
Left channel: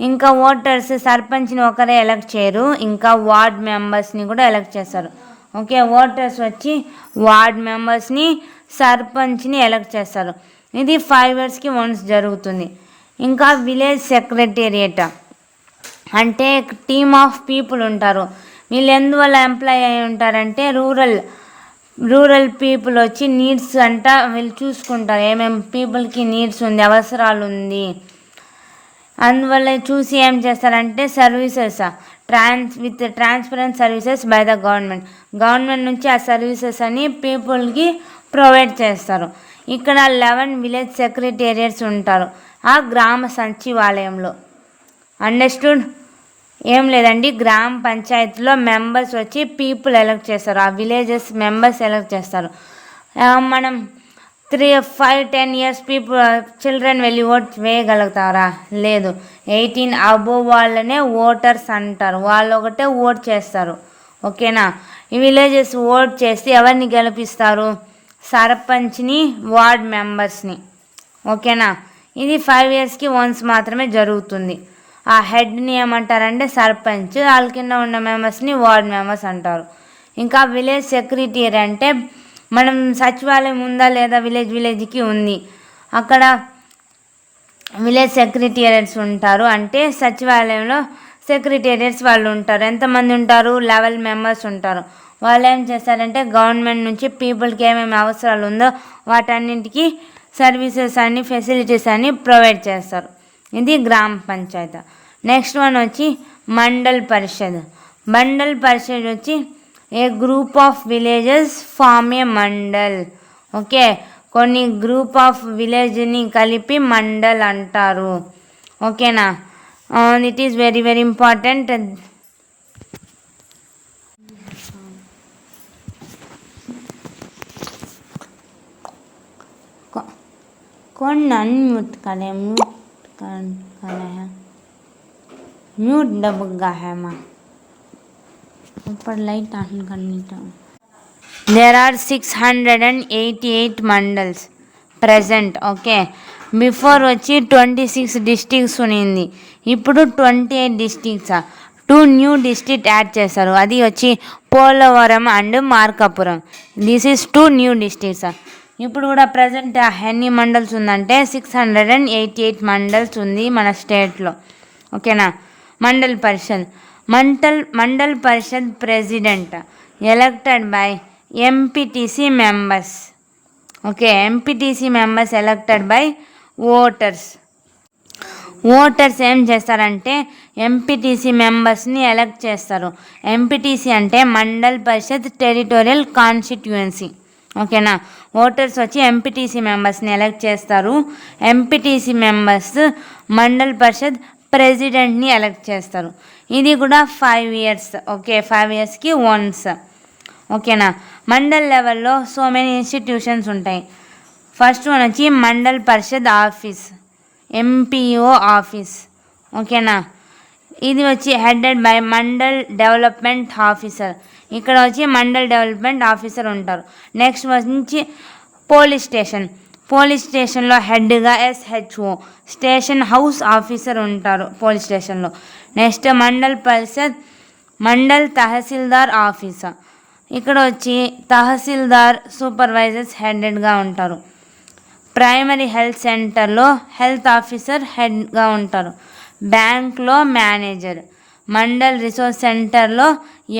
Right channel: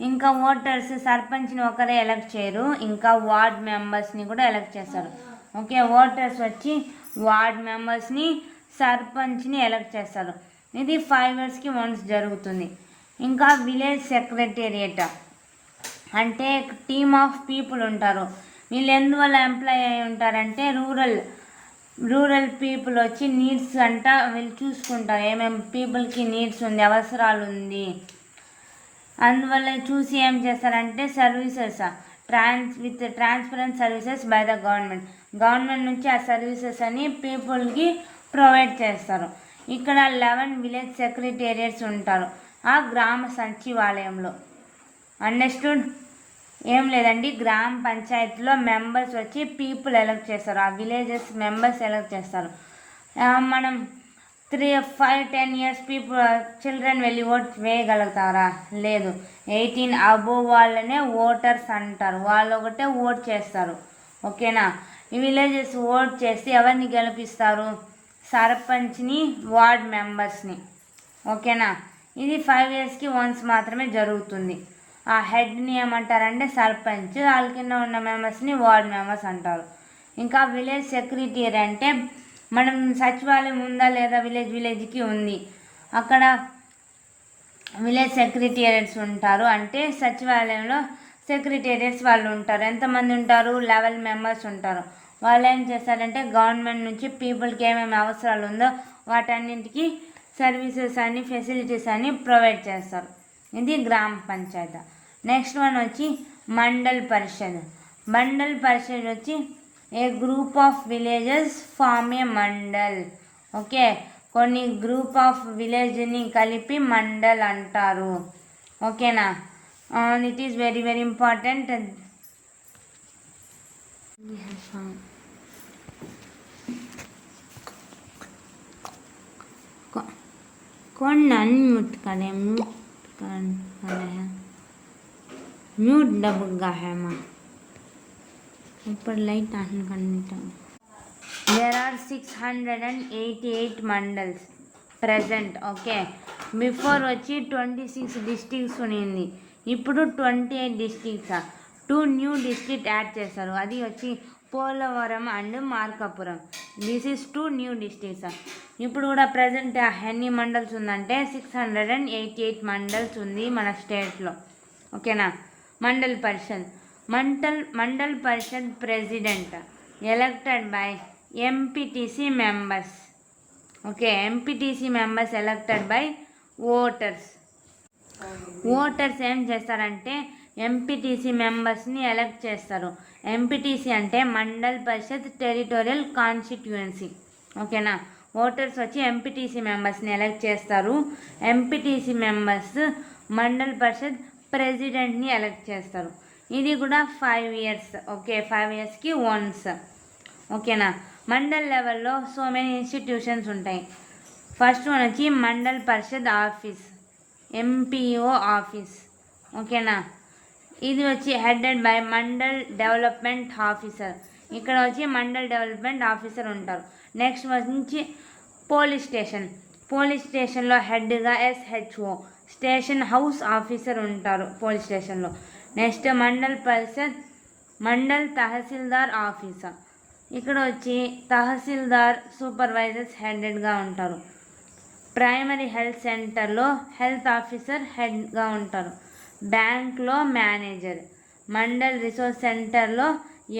ఇంకా ఓటర్స్ సర్పంచ్ని ఒకరే ఎలక్ట్ చేయరు, ఇంకా వార్డ్ మెంబర్స్ని కూడా ఎలక్ట్ చేస్తారు. ఓకే, ఓటర్స్ వచ్చి వార్డ్ మెంబర్స్ని, సర్పంచ్ని ఎలక్ట్ చేస్తారు. ఇది 5 yearsకి వన్స్ జరుగుతుంది. ఇంకా విలేజ్ సెక్రటేరియట్ అంటే టీమ్ ఆఫ్ పీపుల్ ఉంటారు. వీళ్ళు ఎందువల్ల ఎంప్లాయ్ అయి ఉంటారంటే రూరల్ పీపుల్ వచ్చి నీడ్స్ అంట వీళ్ళు చూసుకుంటారు. ఏమేమి పీపుల్కి నీడ్స్ ఉంది, అవసరాలు ఉంది, అందువల్ల చూసి ఏం చేస్తారంటే services with transparent services by the government నుంచి ఆ సర్వీసెస్ అని పీపుల్కి ప్రొవైడ్ చేస్తారు. ఇక్కడ 11 విలేజ్ సెక్రటేరియట్స్ ఉంటారు ఆ గ్రామ సచివాలయంలో. అండర్స్టూడ్? ఏం లేదండి, గ్రామ పంచాయతీలో మెంబర్స్ వచ్చి పీపుల్ ఎలక్ట్ చేస్తారు, ఆ విలేజెస్ మెంబర్స్ ఎలక్ట్ చేస్తారు. మనం 3, 5, 10 years చిల్డ్రన్ వెళ్ళి ఓట్ వేయగలుగుతారా? లేదు. 18 అబోవ్ వాళ్ళనే ఓటర్స్ అంటారు, వాళ్ళు ఒకటే ఓట్ చేస్తారు. ఓకేనా, ఈ విలేజెస్ ఓట్ చేసి ఎవరిని గెలిపిస్తారు? సర్పంచ్ని, వార్డ్ మెంబర్స్ని. ఓకేనా, ఇది 5 yearsకి వన్స్ మాత్రమే జరుగుతుంది. ఆ హెడ్ని ఏమంటారంటే సర్పంచ్, వాళ్ళ కింద ఉన్న మెంబర్స్ని వార్డ్ మెంబర్స్ అంటారు. ఇంకా విలేజ్ సెక్రటరీ అంటే మనం సచివాలయం ఉందా లేదా విలేజ్కి ఉంది, అక్కడ విలేజ్ సెక్రటేరియట్స్ ఉంటారు. అంటే సచివాలయంలో సెక్రటేరియట్స్ వాళ్ళు ఉంటారు. ఎంతమంది ఉంటారు? 11 members ఉంటారు. వాళ్ళు ఏం చేస్తారంటే గవర్నమెంట్ నుంచి పీపుల్కి ఏమేమి అవసరాలు ఉందో వాటన్నింటికి సర్వీసెస్ అన్ని ఫెసిలిటీస్ అన్ని ప్రొవైడ్ చేస్తారు. ఇది గ్రామ పంచాయతీ. నెక్స్ట్ వన్ వచ్చి మండల్ పరిషత్. మండల్ పరిషత్ వచ్చి a group of villages form a mandal. Okay, కొన్ని గ్రూప్ ఆఫ్ విలేజ్ని కలిపి మండల్ అంటారు. ఓకేనా, it is very very important. कौन अनम्यूट करे? म्यूट करे है, म्यूट दबगा है माँ, ऊपर लाइट ऑन करनी तो. There are 688 mandals present. Okay, before వచ్చి 26 districts ఉన్నింది, ఇప్పుడు 28 districts. 2 new districts యాడ్ చేశారు, అది వచ్చి Polavaram and Markapuram. This is 2 new districts. ఇప్పుడు కూడా ప్రజెంట్ ఎన్ని మండల్స్ ఉందంటే 688 మండల్స్ ఉంది మన స్టేట్లో. ఓకేనా, mandal parishad president elected by MPTC members. Okay, MPTC members elected by voters. Voters ఏం చేస్తారంటే ఎంపీటీసీ మెంబర్స్ని ఎలక్ట్ చేస్తారు. ఎంపీటీసీ అంటే మండల్ పరిషత్ టెరిటోరియల్ కాన్స్టిట్యుయెన్సీ. ఓకేనా, ఓటర్స్ వచ్చి ఎంపీటీసీ మెంబర్స్ని ఎలక్ట్ చేస్తారు. ఎంపీటీసీ మెంబర్స్ మండల్ పరిషత్ ప్రెసిడెంట్ని ఎలక్ట్ చేస్తారు. ఇది కూడా 5 years. Okay, 5 yearsకి once. ఓకేనా. మండల్ లెవెల్లో సో మెనీ ఇన్స్టిట్యూషన్స్ ఉంటాయి. ఫస్ట్ వన్ వచ్చి మండల్ పరిషత్ ఆఫీస్, ఎంపీఓ ఆఫీస్. ఓకేనా. ఇది వచ్చి headed by mandal development officer. ఇక్కడ వచ్చి మండల్ డెవలప్మెంట్ ఆఫీసర్ ఉంటారు. నెక్స్ట్ వచ్చి పోలీస్ స్టేషన్. పోలీస్ స్టేషన్లో హెడ్గా ఎస్హెచ్ఓ, స్టేషన్ హౌస్ ఆఫీసర్ ఉంటారు పోలీస్ స్టేషన్లో. నెక్స్ట్ మండల్ పరిషత్, మండల్ తహసీల్దార్ ఆఫీసర్. ఇక్కడ వచ్చి తహసీల్దార్ సూపర్వైజర్స్ హెడెడ్గా ఉంటారు. ప్రైమరీ హెల్త్ సెంటర్లో హెల్త్ ఆఫీసర్ హెడ్గా ఉంటారు. బ్యాంక్లో మేనేజర్. మండల్ రిసోర్స్ సెంటర్లో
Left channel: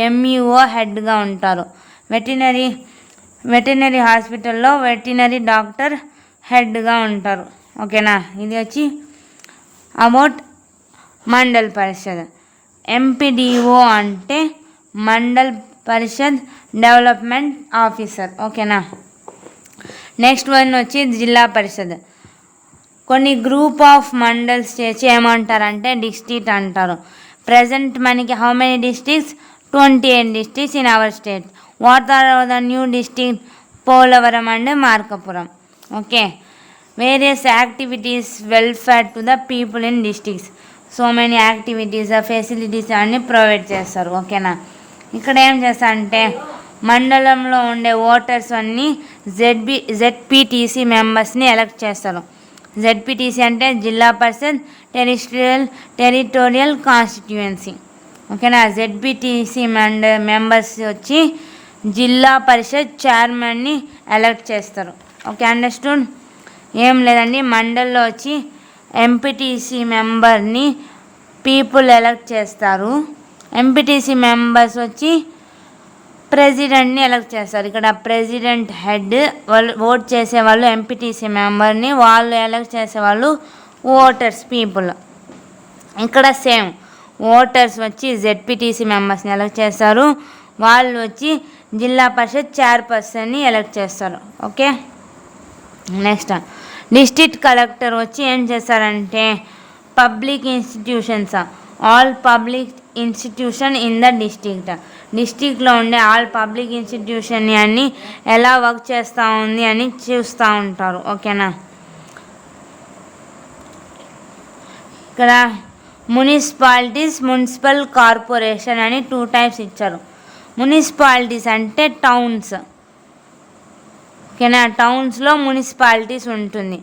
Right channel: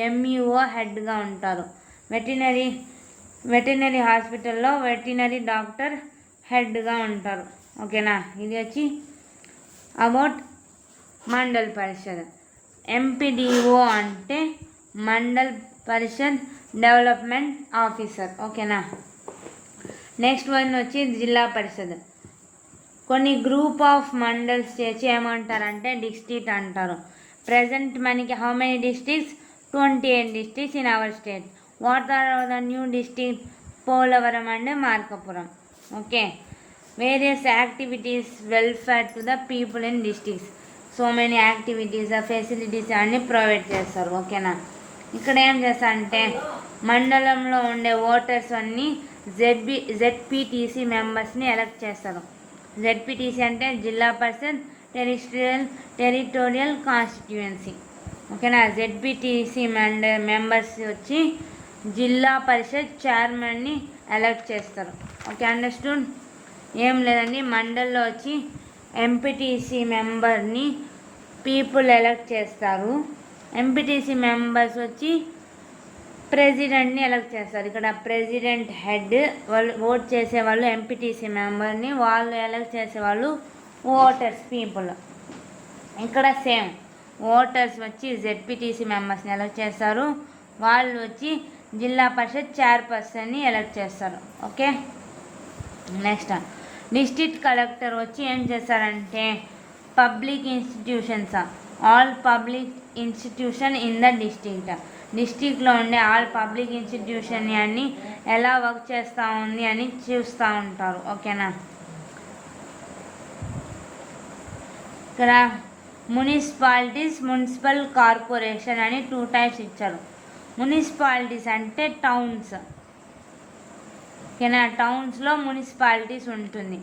ఎంఈఓ హెడ్గా ఉంటారు. వెటర్నరీ హాస్పిటల్లో వెటర్నరీ డాక్టర్ హెడ్గా ఉంటారు. ఓకేనా. ఇది వచ్చి అబౌట్ మండల్ పరిషత్. ఎంపీడీఓ అంటే మండల్ పరిషత్ డెవలప్మెంట్ ఆఫీసర్. ఓకేనా. నెక్స్ట్ వన్ వచ్చి జిల్లా పరిషత్. కొన్ని గ్రూప్ ఆఫ్ మండల్స్ చేసి ఏమంటారంటే డిస్ట్రిక్ట్ అంటారు. ప్రజెంట్ మనకి how many districts? 28 districts in our state. What are the new districts? Polavaram and Markapuram. Okay. Various activities welfare to the people in districts. So many activities, facilities అన్ని ప్రొవైడ్ చేస్తారు. ఓకేనా. ఇక్కడ ఏం చేస్తారంటే మండలంలో ఉండే ఓటర్స్ అన్నీ జెడ్పీటీసీ మెంబర్స్ని ఎలక్ట్ చేస్తారు. జెడ్పీటీసీ అంటే జిల్లా పరిషత్ టెరిటోరియల్ కాన్స్టిట్యుయెన్సీ. ఓకేనా. జెడ్పీటీసీ మెంబర్స్ వచ్చి జిల్లా పరిషత్ చైర్మన్ని ఎలక్ట్ చేస్తారు. Okay, understood. ఏం లేదండి, మండల్లో వచ్చి ఎంపీటీసీ మెంబర్ని పీపుల్ ఎలక్ట్ చేస్తారు. ఎంపీటీసీ మెంబర్స్ వచ్చి ప్రెసిడెంట్ని ఎలక్ట్ చేస్తారు. ఇక్కడ ప్రెసిడెంట్ హెడ్, వాళ్ళు ఓట్ చేసేవాళ్ళు ఎంపీటీసీ మెంబర్ని, వాళ్ళు ఎలక్ట్ చేసేవాళ్ళు ఓటర్స్ పీపుల్. ఇక్కడ సేమ్ ఓటర్స్ వచ్చి జెడ్పీటీసీ మెంబర్స్ని ఎలక్ట్ చేస్తారు, వాళ్ళు వచ్చి జిల్లా పరిషత్ చైర్పర్సన్ని ఎలక్ట్ చేస్తారు. ఓకే. నెక్స్ట్ డిస్ట్రిక్ట్ కలెక్టర్ వచ్చి ఏం చేస్తారంటే public institutions, all public institution in the డిస్ట్రిక్ట్లో ఉండే ఆల్ పబ్లిక్ ఇన్స్టిట్యూషన్ని అన్ని ఎలా వర్క్ చేస్తూ ఉంది అని చూస్తూ ఉంటారు. ఓకేనా. ఇక్కడ మున్సిపాలిటీస్, మున్సిపల్ కార్పొరేషన్ అని 2 types ఇచ్చారు. మున్సిపాలిటీస్ అంటే టౌన్స్. ఓకేనా. టౌన్స్లో మున్సిపాలిటీస్ ఉంటుంది.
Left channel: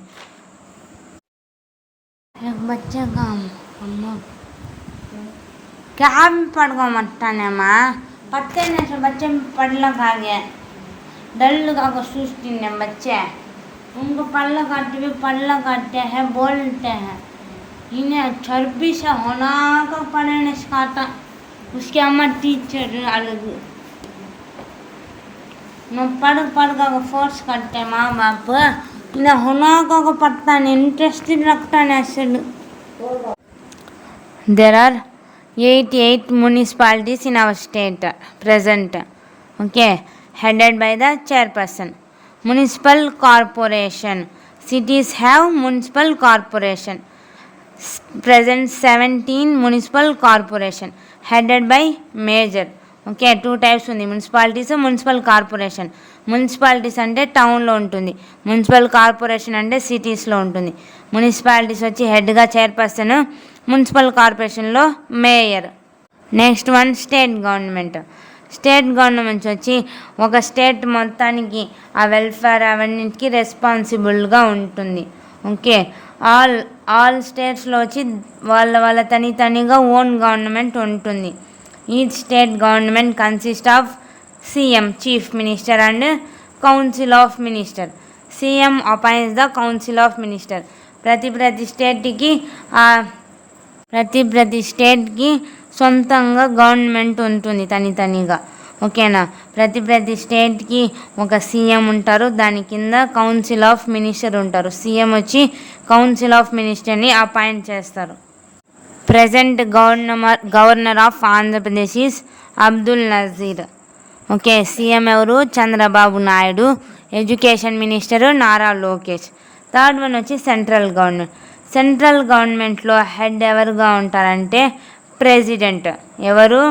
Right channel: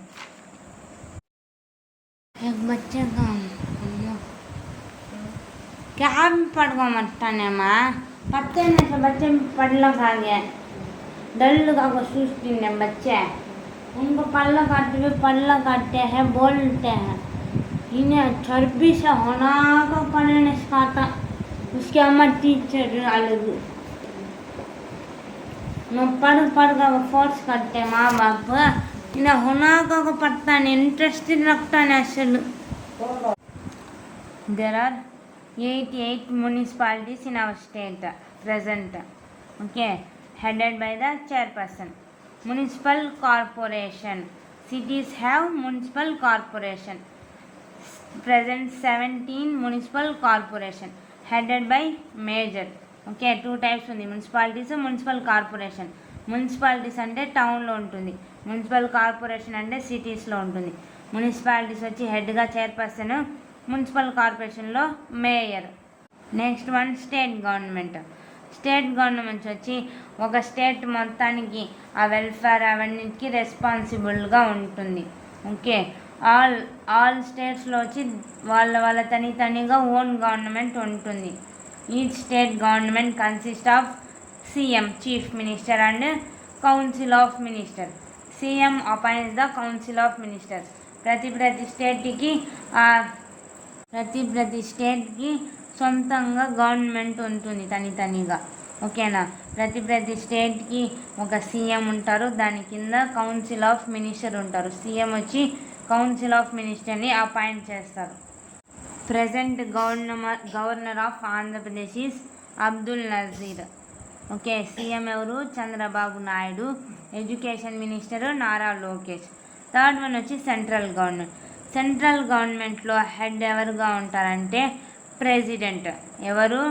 क्या पढ़वा मट्टा ने माँ पत्ते ने से बच्चे पढ़ला खा गया डल का को सुस्ती ने बच्चे उनको पढ़ला काटते हैं बोलते हैं इन्हें चर्बी से होना का पढ़ने सिखाता उसके अम्मा टीचर अलग न पढ़ का फोर्स करते माँ बाप इन्हें होना का को पढ़ता नहीं इंटरेस्टिंग लगता नहीं असल. There are 88 municipalities in our state present. Okay, headed by the chairperson. Municipal corporation. Cities have municipal corporation. Present 17 municipal corporation headed by mayor. Okay, 2 types ఉంది, మున్సిపాలిటీస్, మున్సిపల్ కార్పొరేషన్. మున్సిపాలిటీస్ అంటే టౌన్లో ఉంటుంది, మున్సిపల్ కార్పొరేషన్ అంటే సిటీస్లో ఉంటుంది. మున్సిపాలిటీస్ వచ్చి హెడ్గా చైర్పర్సన్, మున్సిపల్ కార్పొరేషన్లో mayor. Next one state government. State government వచ్చి ఒక స్టేట్ మొత్తానికి ఆ వెల్ఫేర్ అవన్నిటికీ రెస్పాన్సిబుల్గా ఉంటుంది. ఓకే. ఆల్ స్టేట్స్లో వచ్చి వాళ్ళ తనిగా ఓన్ గవర్నమెంట్ ఉంటుంది. ఈ state government consist of CM, chief minister and council of minister. CM appoints the council of minister. ప్రతి స్టేట్కి సొంతంగా గవర్నమెంట్ ఉంటుంది తనిగా. ఓకేనా. ప్రతి స్టేట్కి ఒక సీఎం ఉంటారు, దాని కింద కౌన్సిల్ ఆఫ్ మినిస్టర్ ఉంటారు. సీఎం వచ్చి కౌన్సిల్ ఆఫ్ మినిస్టర్ని అపాయింట్ చేస్తారు. Present governor of Andhra Pradesh is Abdul Nazir. Okay. CM ఎవరు? Chandrababu Naidu. Education minister Nara Lokesh. Third one వచ్చి సెంట్రల్ గవర్నమెంట్. సెంట్రల్ గవర్నమెంట్లో హెడ్ ఎవరుగా ఉంటారంటే ప్రెసిడెంట్. ఎవరు?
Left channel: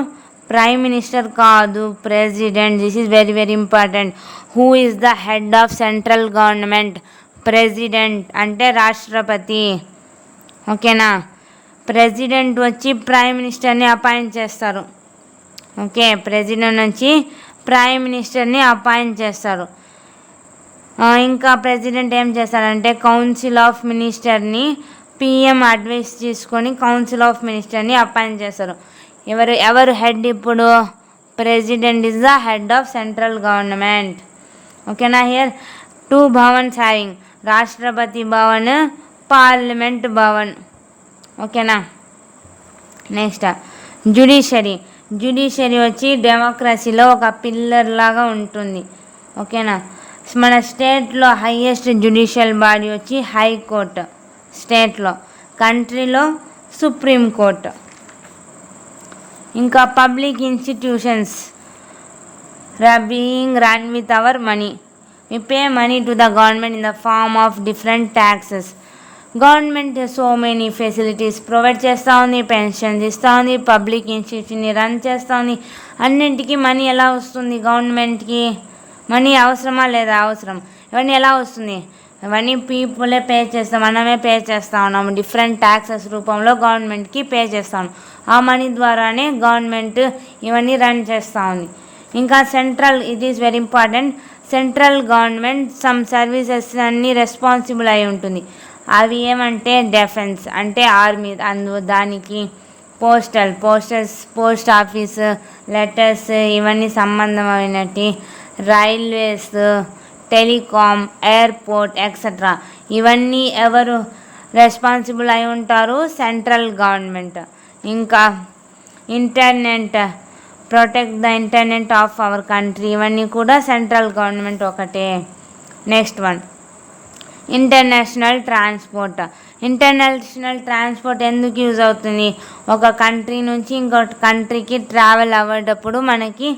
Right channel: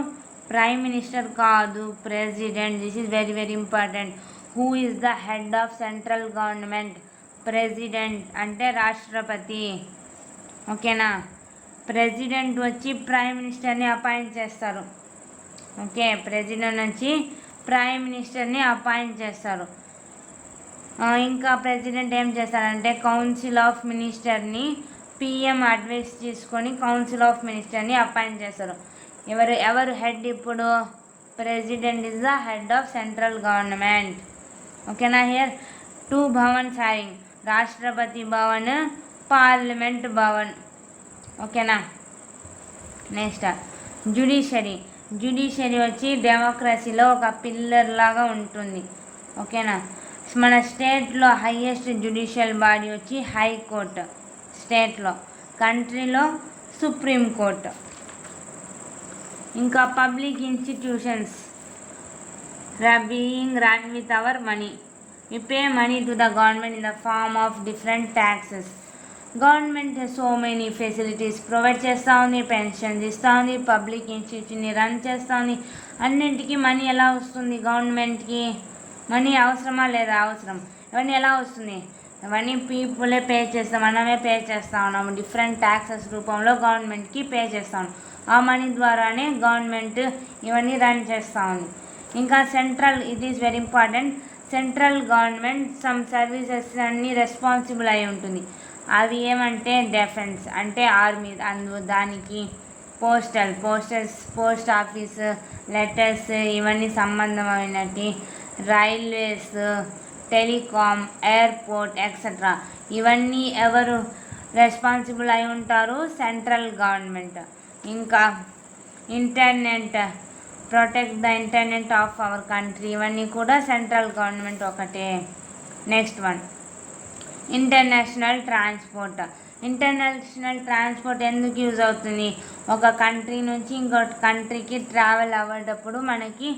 ప్రైమ్ మినిస్టర్ కాదు, president. This is very very important. Who is the head of central government? President అంటే రాష్ట్రపతి. ఓకేనా. ప్రెసిడెంట్ వచ్చి ప్రైమ్ మినిస్టర్ని అపాయింట్ చేస్తారు. ఓకే, ప్రెసిడెంట్ వచ్చి ప్రైమ్ మినిస్టర్ని అపాయింట్ చేస్తారు. ఇంకా ప్రెసిడెంట్ ఏం చేస్తారంటే కౌన్సిల్ ఆఫ్ మినిస్టర్ని పిఎం అడ్వైస్ తీసుకొని కౌన్సిల్ ఆఫ్ మినిస్టర్ని అపాయింట్ చేస్తారు. ఎవరు హెడ్ ఇప్పుడు? President is the head of central government. ఓకేనా. Here 2 Bhavan's having Rashtrapati Bhavan, parliament Bhavan. ఓకేనా. నెక్స్ట్ జ్యుడిషియరీ వచ్చి డెమోక్రసీలో ఒక పిల్లర్ లాగా ఉంటుంది. ఓకేనా. మన స్టేట్లో హైయెస్ట్ జ్యుడిషియల్ బాడీ వచ్చి హైకోర్టు స్టేట్లో, కంట్రీలో సుప్రీం కోర్టు. ఇంకా public institutions being run with our money. We pay money to the government in the form of different taxes. Government so many facilities provide చేస్తూ ఉంది, పెన్షన్స్ ఇస్తూ ఉంది, పబ్లిక్ ఇన్స్టిట్యూషన్ని రన్ చేస్తూ ఉంది. అన్నింటికి మనీ ఎలా వస్తుంది? గవర్నమెంట్కి మనీ అవసరమా లేదా? అవసరం. ఇవన్నీ ఎలా వస్తుంది? ఇవన్నీ పీపులే పే చేస్తాం, మనమే పే చేస్తూ ఉన్నాము. డిఫరెంట్ ట్యాక్సెస్ రూపంలో గవర్నమెంట్కి పే చేస్తాము. ఆ మనీ ద్వారానే గవర్నమెంట్ ఇవన్నీ రన్ చేస్తూ ఉంది. ఇంకా central, it is very important. Central government some services అన్నీ రెస్పాన్సిబుల్ అయి ఉంటుంది. అవి ఏమంటే డిఫెన్స్ అంటే ఆర్మీ, దానికి పోస్ట్ ఆఫీస్, లెటర్స్ ఇవన్నీ సంబంధమైనటి, రైల్వేస్, టెలికాం, ఎయిర్పోర్ట్ ఎక్సెట్రా ఇవన్నీ ఎవరు రెస్పాన్సిబుల్ అయి ఉంటారు? Central government. ఇంకా internet, protect the internet of our country, ఇవన్నీ కూడా సెంట్రల్ గవర్నమెంట్ ఒకటే. నెక్స్ట్ వన్ ఇంటర్నేషనల్ ట్రాన్స్పోర్ట్ ఎందుకు యూజ్ అవుతుంది? ఒక కంట్రీ నుంచి ఇంకొక కంట్రీకి ట్రావెల్ అవ్వేటప్పుడు మనకి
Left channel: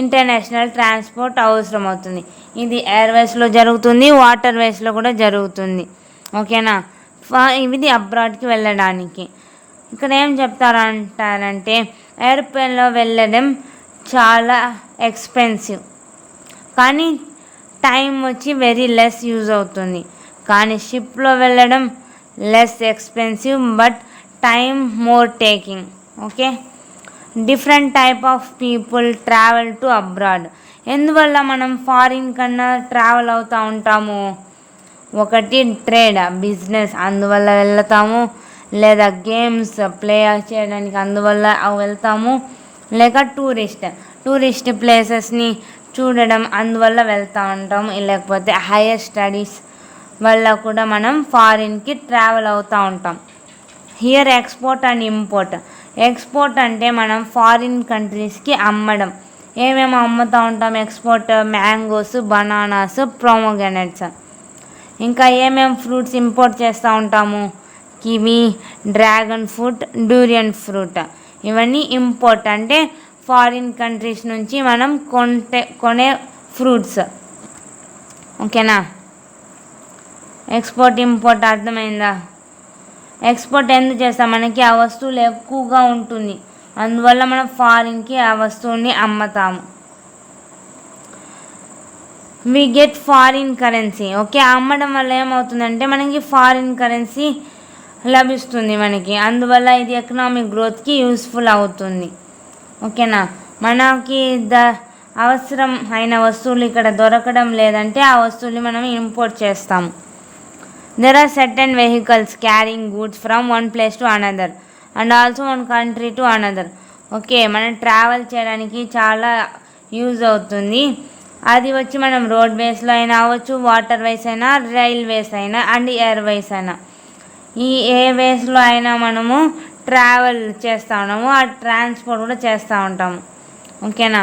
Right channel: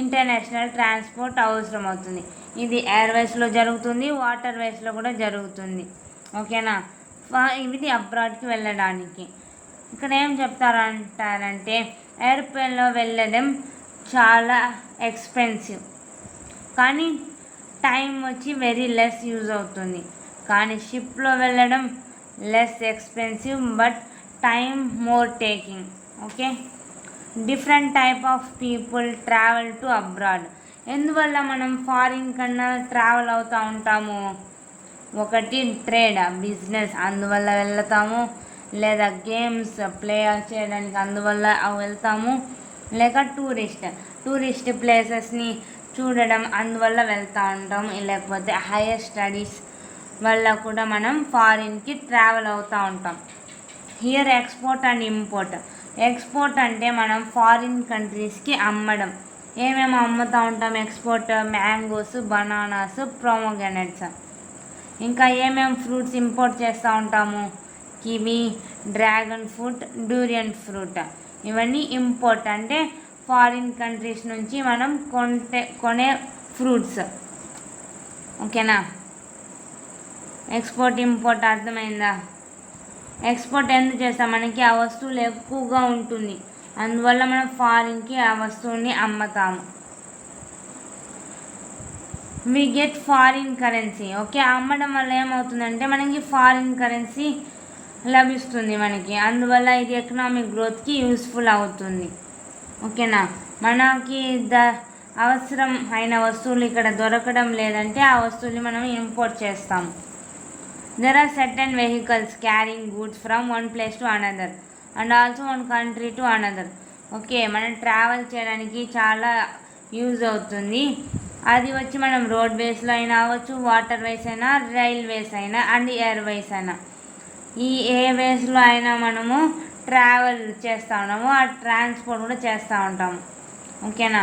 ఇంటర్నేషనల్ ట్రాన్స్పోర్ట్ అవసరం అవుతుంది. ఇది ఎయిర్వేస్లో జరుగుతుంది, వాటర్ వేస్లో కూడా జరుగుతుంది. ఓకేనా. ఇది అబ్రాడ్కి వెళ్ళడానికి. ఇక్కడ ఏం చెప్తారంటారంటే ఎయిర్ప్లేన్లో వెళ్ళడం చాలా ఎక్స్పెన్సివ్, కానీ టైం వచ్చి వెరీ లెస్ యూజ్ అవుతుంది. కానీ షిప్లో వెళ్ళడం less expensive but time more taking. Okay. Different type of people travel to abroad. ఎందువల్ల మనం ఫారిన్ కన్నా ట్రావెల్ అవుతూ ఉంటాము? ఒకటి ట్రేడ్, బిజినెస్, అందువల్ల వెళ్తాము. లేదా గేమ్స్ ప్లే చేయడానికి అందువల్ల వెళ్తాము. లేక టూరిస్ట్ ప్లేసెస్ని చూడడం అందువల్ల వెళ్తూ ఉంటాము. లేకపోతే హైయర్ స్టడీస్ వల్ల కూడా మనం ఫారిన్కి ట్రావెల్ అవుతూ ఉంటాం. Here export and import. Export అంటే మనం ఫారిన్ కంట్రీస్కి అమ్మడం. ఏమేమి అమ్ముతూ ఉంటాం? Export mangoes, bananas, pomegranates. ఇంకా ఏమేమి ఫ్రూట్స్ ఇంపోర్ట్ చేస్తూ ఉంటాము? Kiwi, dragon fruit, durian fruit. ఇవన్నీ ఇంపోర్ట్ అంటే ఫారిన్ కంట్రీస్ నుంచి మనం కొనే ఫ్రూట్స్. ఓకేనా. ఎక్స్పోర్ట్ ఇంపోర్ట్ అర్థమైందా? ఎక్స్పోర్ట్ ఎందుకు చేస్తాం? మనకి ఆ వస్తువులు ఎక్కువగా ఉంటుంది, అందువల్ల మనం ఫారిన్కి ఆ వస్తువుని అమ్ముతాము. We get foreign currency. Okay. అమ్మడం వల్ల ఏమవుతుందంటే మనకి ఫారిన్ కరెన్సీ లభిస్తుంది మనకి, అందువల్ల ఇది ఎకనామిక్ గ్రోత్కి యూస్ఫుల్ అవుతుంది. ఓకేనా. మనకి అవసరం అయిన వస్తువులు ఇక్కడ దొరకడం లేదంటే ఆ వస్తువులు మనం ఇంపోర్ట్ చేస్తాము. There are certain vehicles carrying goods from one place to another and also one country to another. Okay, మనం ట్రావెల్ చేయడానికి చాలా యూజ్ అవుతుంది. అది వచ్చి మనం రోడ్వేస్లో అయినా అవ్వచ్చు, వాటర్ వేస్ అయినా, రైల్వేస్ అయినా అండ్ ఎయిర్వేస్ అయినా. ఈ ఏ వేస్లో అయినా మనము ట్రావెల్ చేస్తూ ఉన్నాము, ఆ ట్రాన్స్పోర్ట్ కూడా చేస్తూ ఉంటాము. ఓకేనా.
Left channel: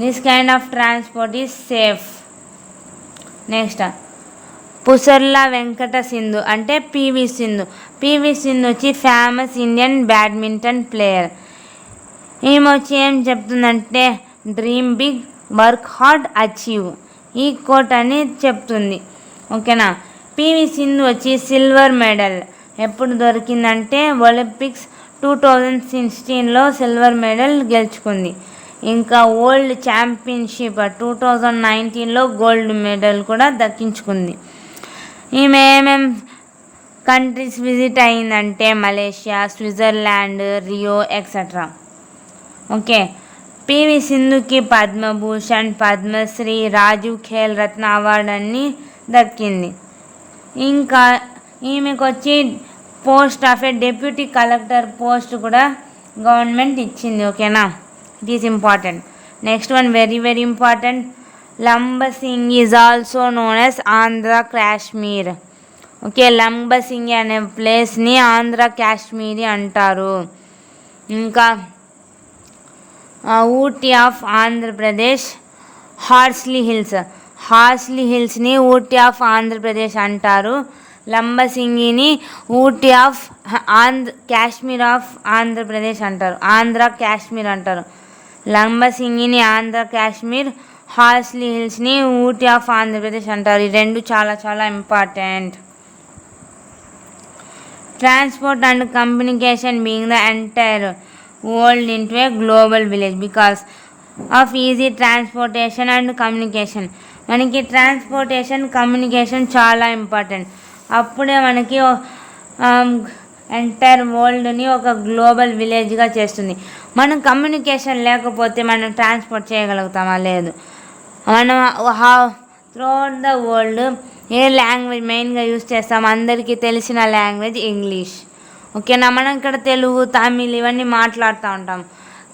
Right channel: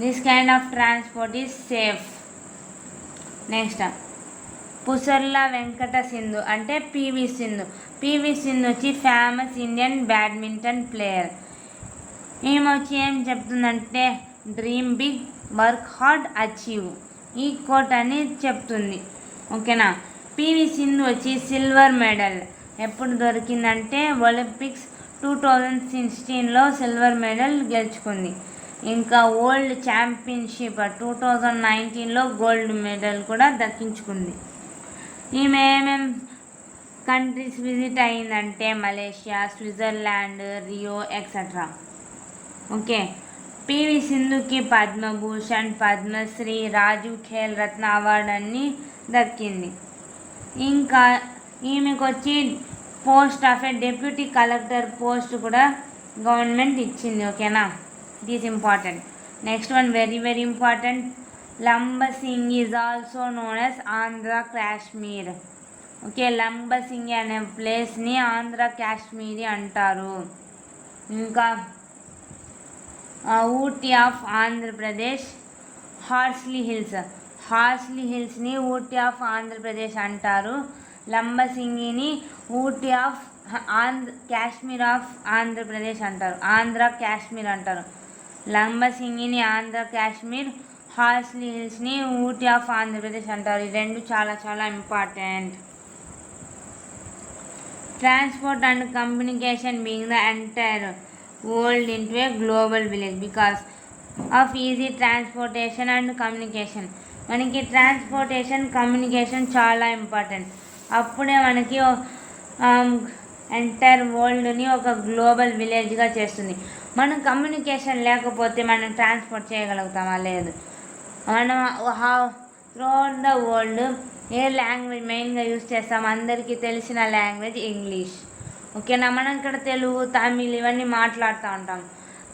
This kind of transport is safe. Next Pusarla Venkata Sindhu అంటే పివి సింధు. పివి సింధు వచ్చి ఫేమస్ ఇండియన్ బ్యాడ్మింటన్ ప్లేయర్. ఈమె వచ్చి ఏం చెప్తుందంటే dream big, work hard, achieve. ఈ కోట్ అని చెప్తుంది. ఓకేనా. పివి సింధు వచ్చి సిల్వర్ మెడల్ ఎప్పుడు దొరికిందంటే ఒలింపిక్స్ 2016లో సిల్వర్ మెడల్ గెలుచుకుంది. ఇంకా వరల్డ్ ఛాంపియన్షిప్ 2019లో గోల్డ్ మెడల్ కూడా దక్కించుకుంది. ఈమె ఏమేం కంట్రీస్ విజిట్ అయిందంటే Malaysia, Switzerland, Rio etcetera. Okay, PV సింధుకి పద్మభూషణ్, పద్మశ్రీ, రాజీవ్ ఖేల్ రత్న అవార్డు అన్నీ దక్కింది. ఇంకా ఈమెకు వచ్చి post of a deputy collector post కూడా గవర్నమెంట్ ఇచ్చింది. ఓకేనా, it is important. Next one very very important. Lambasingi is also known as Andhra Kashmir. Okay, Lambasingi అనే ప్లేస్ని ఆంధ్ర కాశ్మీరీ అంటారు. ఇంకా Ooty of Andhra Pradesh, Horsley హిల్స్ని Ooty of Andhra Pradesh అంటారు. లంబసింగిని ఊటీ ఆఫ్ కాశ్మీర్ ఆఫ్ ఆంధ్రప్రదేశ్ అంటారు, ఆంధ్ర కాశ్మీర్ అంటారు. లంబసింగిని ఆంధ్ర కాశ్మీర్, హార్స్లీ హిల్స్ని ఊటీ ఆఫ్ ఆంధ్రప్రదేశ్ అంటారు. ఈ రెండు చాలా చాలా important. Transport and communication being the entire world into a global village because of easy transportation and communication. మనకి ట్రాన్స్పోర్టేషన్, కమ్యూనికేషన్ చాలా ఇంపార్టెంట్. అప్పుడే మనకి ఎంటైర్ వరల్డ్ని ఒక గ్లోబల్ విలేజ్గా చేస్తుంది. మనం కమ్యూనికేషన్ లేకపోతే మనం ట్రాన్స్పోర్ట్ చేయగలుగుతామా? లేదు. మనం throughout the world A language మెయిన్గా యూజ్ చేస్తాం? అందరికీ తెలిసిన లాంగ్వేజ్ ఇంగ్లీష్. ఓకేనా, మనం ఇక్కడ తెలుగు, తమిళ్ ఇవన్నీ మాట్లాడుతూ ఉంటాం.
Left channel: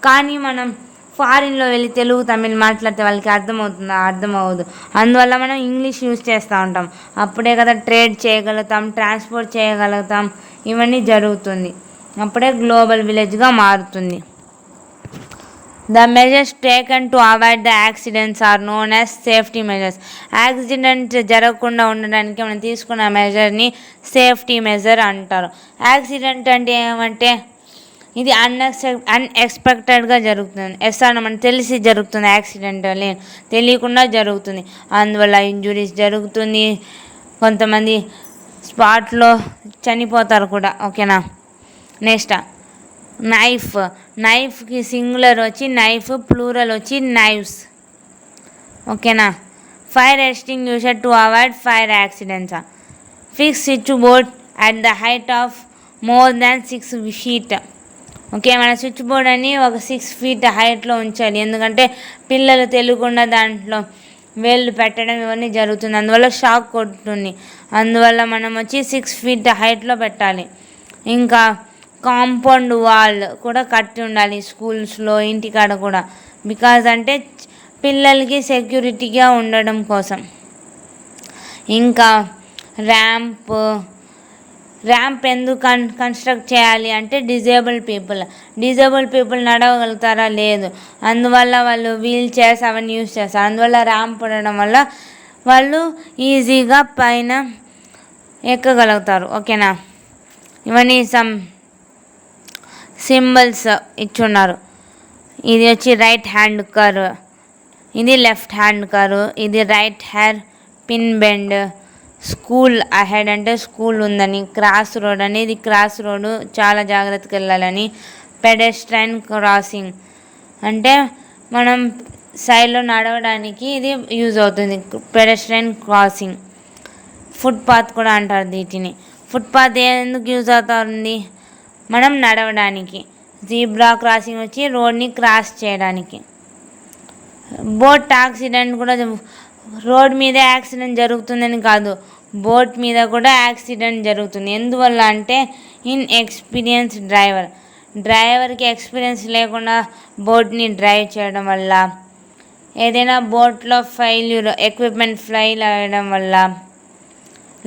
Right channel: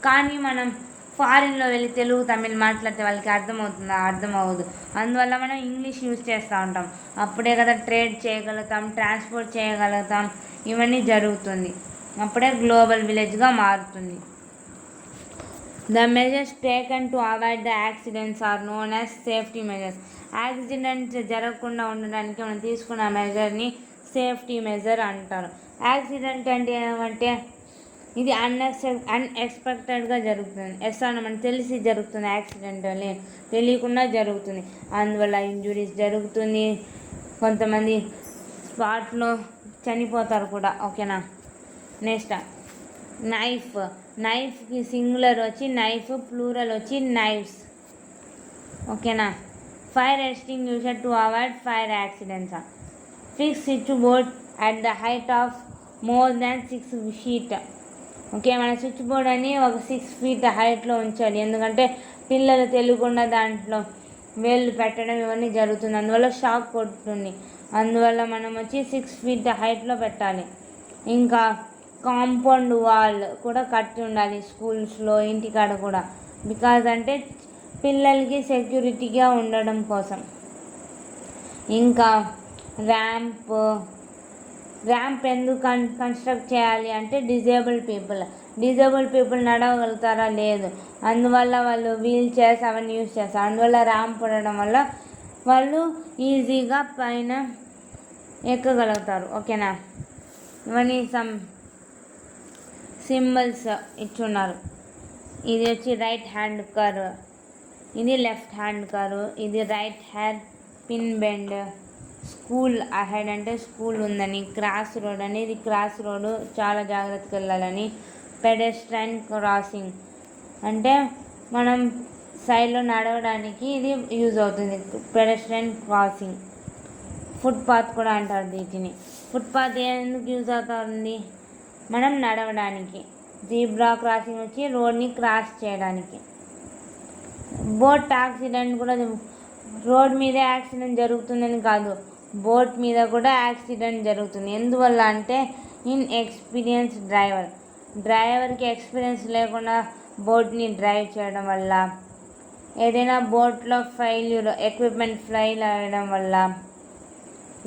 కానీ మనం ఫారిన్లో వెళ్ళి తెలుగు, తమిళ్ మాట్లాడితే వాళ్ళకి అర్థమవుతుందా? అర్థం అవ్వదు. అందువల్ల మనం ఇంగ్లీష్ యూజ్ చేస్తూ ఉంటాం. అప్పుడే కదా ట్రేడ్ చేయగలుగుతాం, ట్రాన్స్పోర్ట్ చేయగలుగుతాం, ఇవన్నీ జరుగుతుంది. అప్పుడే గ్లోబల్ విలేజ్గా మారుతుంది. The measures taken to avoid the accidents are known as safety measures. Accident జరగకుండా ఉండడానికి మనం తీసుకున్న మెజర్ని సేఫ్టీ మెజర్ అంటారు. యాక్సిడెంట్ అంటే ఏమంటే ఇది అన్ఎక్స్పెక్టెడ్గా జరుగుతుంది. అన్న మనకు తెలిసి జరుగుతుంది, యాక్సిడెంట్ తెలియకుండా జరుగుతుంది. అందువల్ల ఇంజురీస్ జరుగుతుంది, కొంతమంది స్పాట్లో చనిపోతారు కూడా. ఓకేనా, నెక్స్ట్ నైఫ్కి సింగులర్ వచ్చి నైఫ్, ప్లూరల్ వచ్చి నైవ్స్. ఓకేనా, fire extinguisher to avoid fire accidents. Fix switch board at the height of more than 6 feet. Okay, మన స్విచ్ బోర్డ్ అని ఒక 6 feet హైట్లో ఉంచాలి. ఎందుకంటే పిల్లలు తెలియకుండా దాంట్లో వేళ్ళు పెట్టడం ఇవన్నీ జరుగుతుంది. అందువల్ల షాక్ కొడుతుంది. అందువల్ల మనం వచ్చి 6 feet హైట్లో పెట్టాలి. ఇంకా కాంపౌండ్ వాల్ కూడా కట్టి ఉండాలి స్కూల్స్లో, ఇంటికాడ కూడా. బికాజ్ అంటే పిల్లలకి సెక్యూరిటీగా ఉండడం కోసం. ఇంకా ర్యాంప్ ఎందుకు కన్స్ట్రక్ట్ చేయాలి అంటే డిజేబుల్ పీపుల్ నడవగలుగుతారా? లేదు. అందువల్ల వాళ్ళు వీల్ చైర్స్ అవన్నీ యూజ్ చేస్తారు. అందువల్ల ర్యాంప్ ఉండడం వల్ల వాళ్ళు ఈజీగా పైన ఎక్కగలుగుతారు. ఓకేనా, ఇవన్నీ సమ్ సింబల్స్ ఇచ్చున్నారు. ఇది వచ్చి రైట్ హ్యాండ్ కర్వ్, ఇది లెఫ్ట్ హ్యాండ్ కర్వ్, ఇది right hand pin bend. School ahead అంటే స్కూల్ ఉందని, క్రాస్ రోడ్ అని ఇది క్రాస్ రోడ్ చాలా జాగ్రత్తగా వెళ్ళాలని. పెడెస్ట్రైన్ క్రాసింగ్ అంటే మనం సైడ్లో నడవడానికి ఇది యూజ్ అవుతుంది, పెడెస్ట్రైన్ క్రాసింగ్. ఫుట్పాత్ కూడా అంటారు వీటిని. ఫుట్పాత్ ఎందుకు యూజ్ అవుతుంది? మనం నడవడానికి. జీబ్రా క్రాసింగ్ వచ్చి రోడ్ని క్రాస్ చేయడానికి. బోట్ యాక్సిడెంట్ కూడా రోడ్ మీదే యాక్సిడెంట్ జరుగుతుందని కాదు, బోట్ మీద కూడా యాక్సిడెంట్ జరుగుతుంది. ఎందువల్ల అంటే ఇన్ఎక్స్పీరియన్స్ డ్రైవర్కి ఎక్స్పీరియన్స్ లేకుండా బోట్ని డ్రైవ్ చేయడం వల్ల, ఏదైనా బోట్లో ఎక్విప్మెంట్ ఫెయిల్ అవ్వడం వల్ల,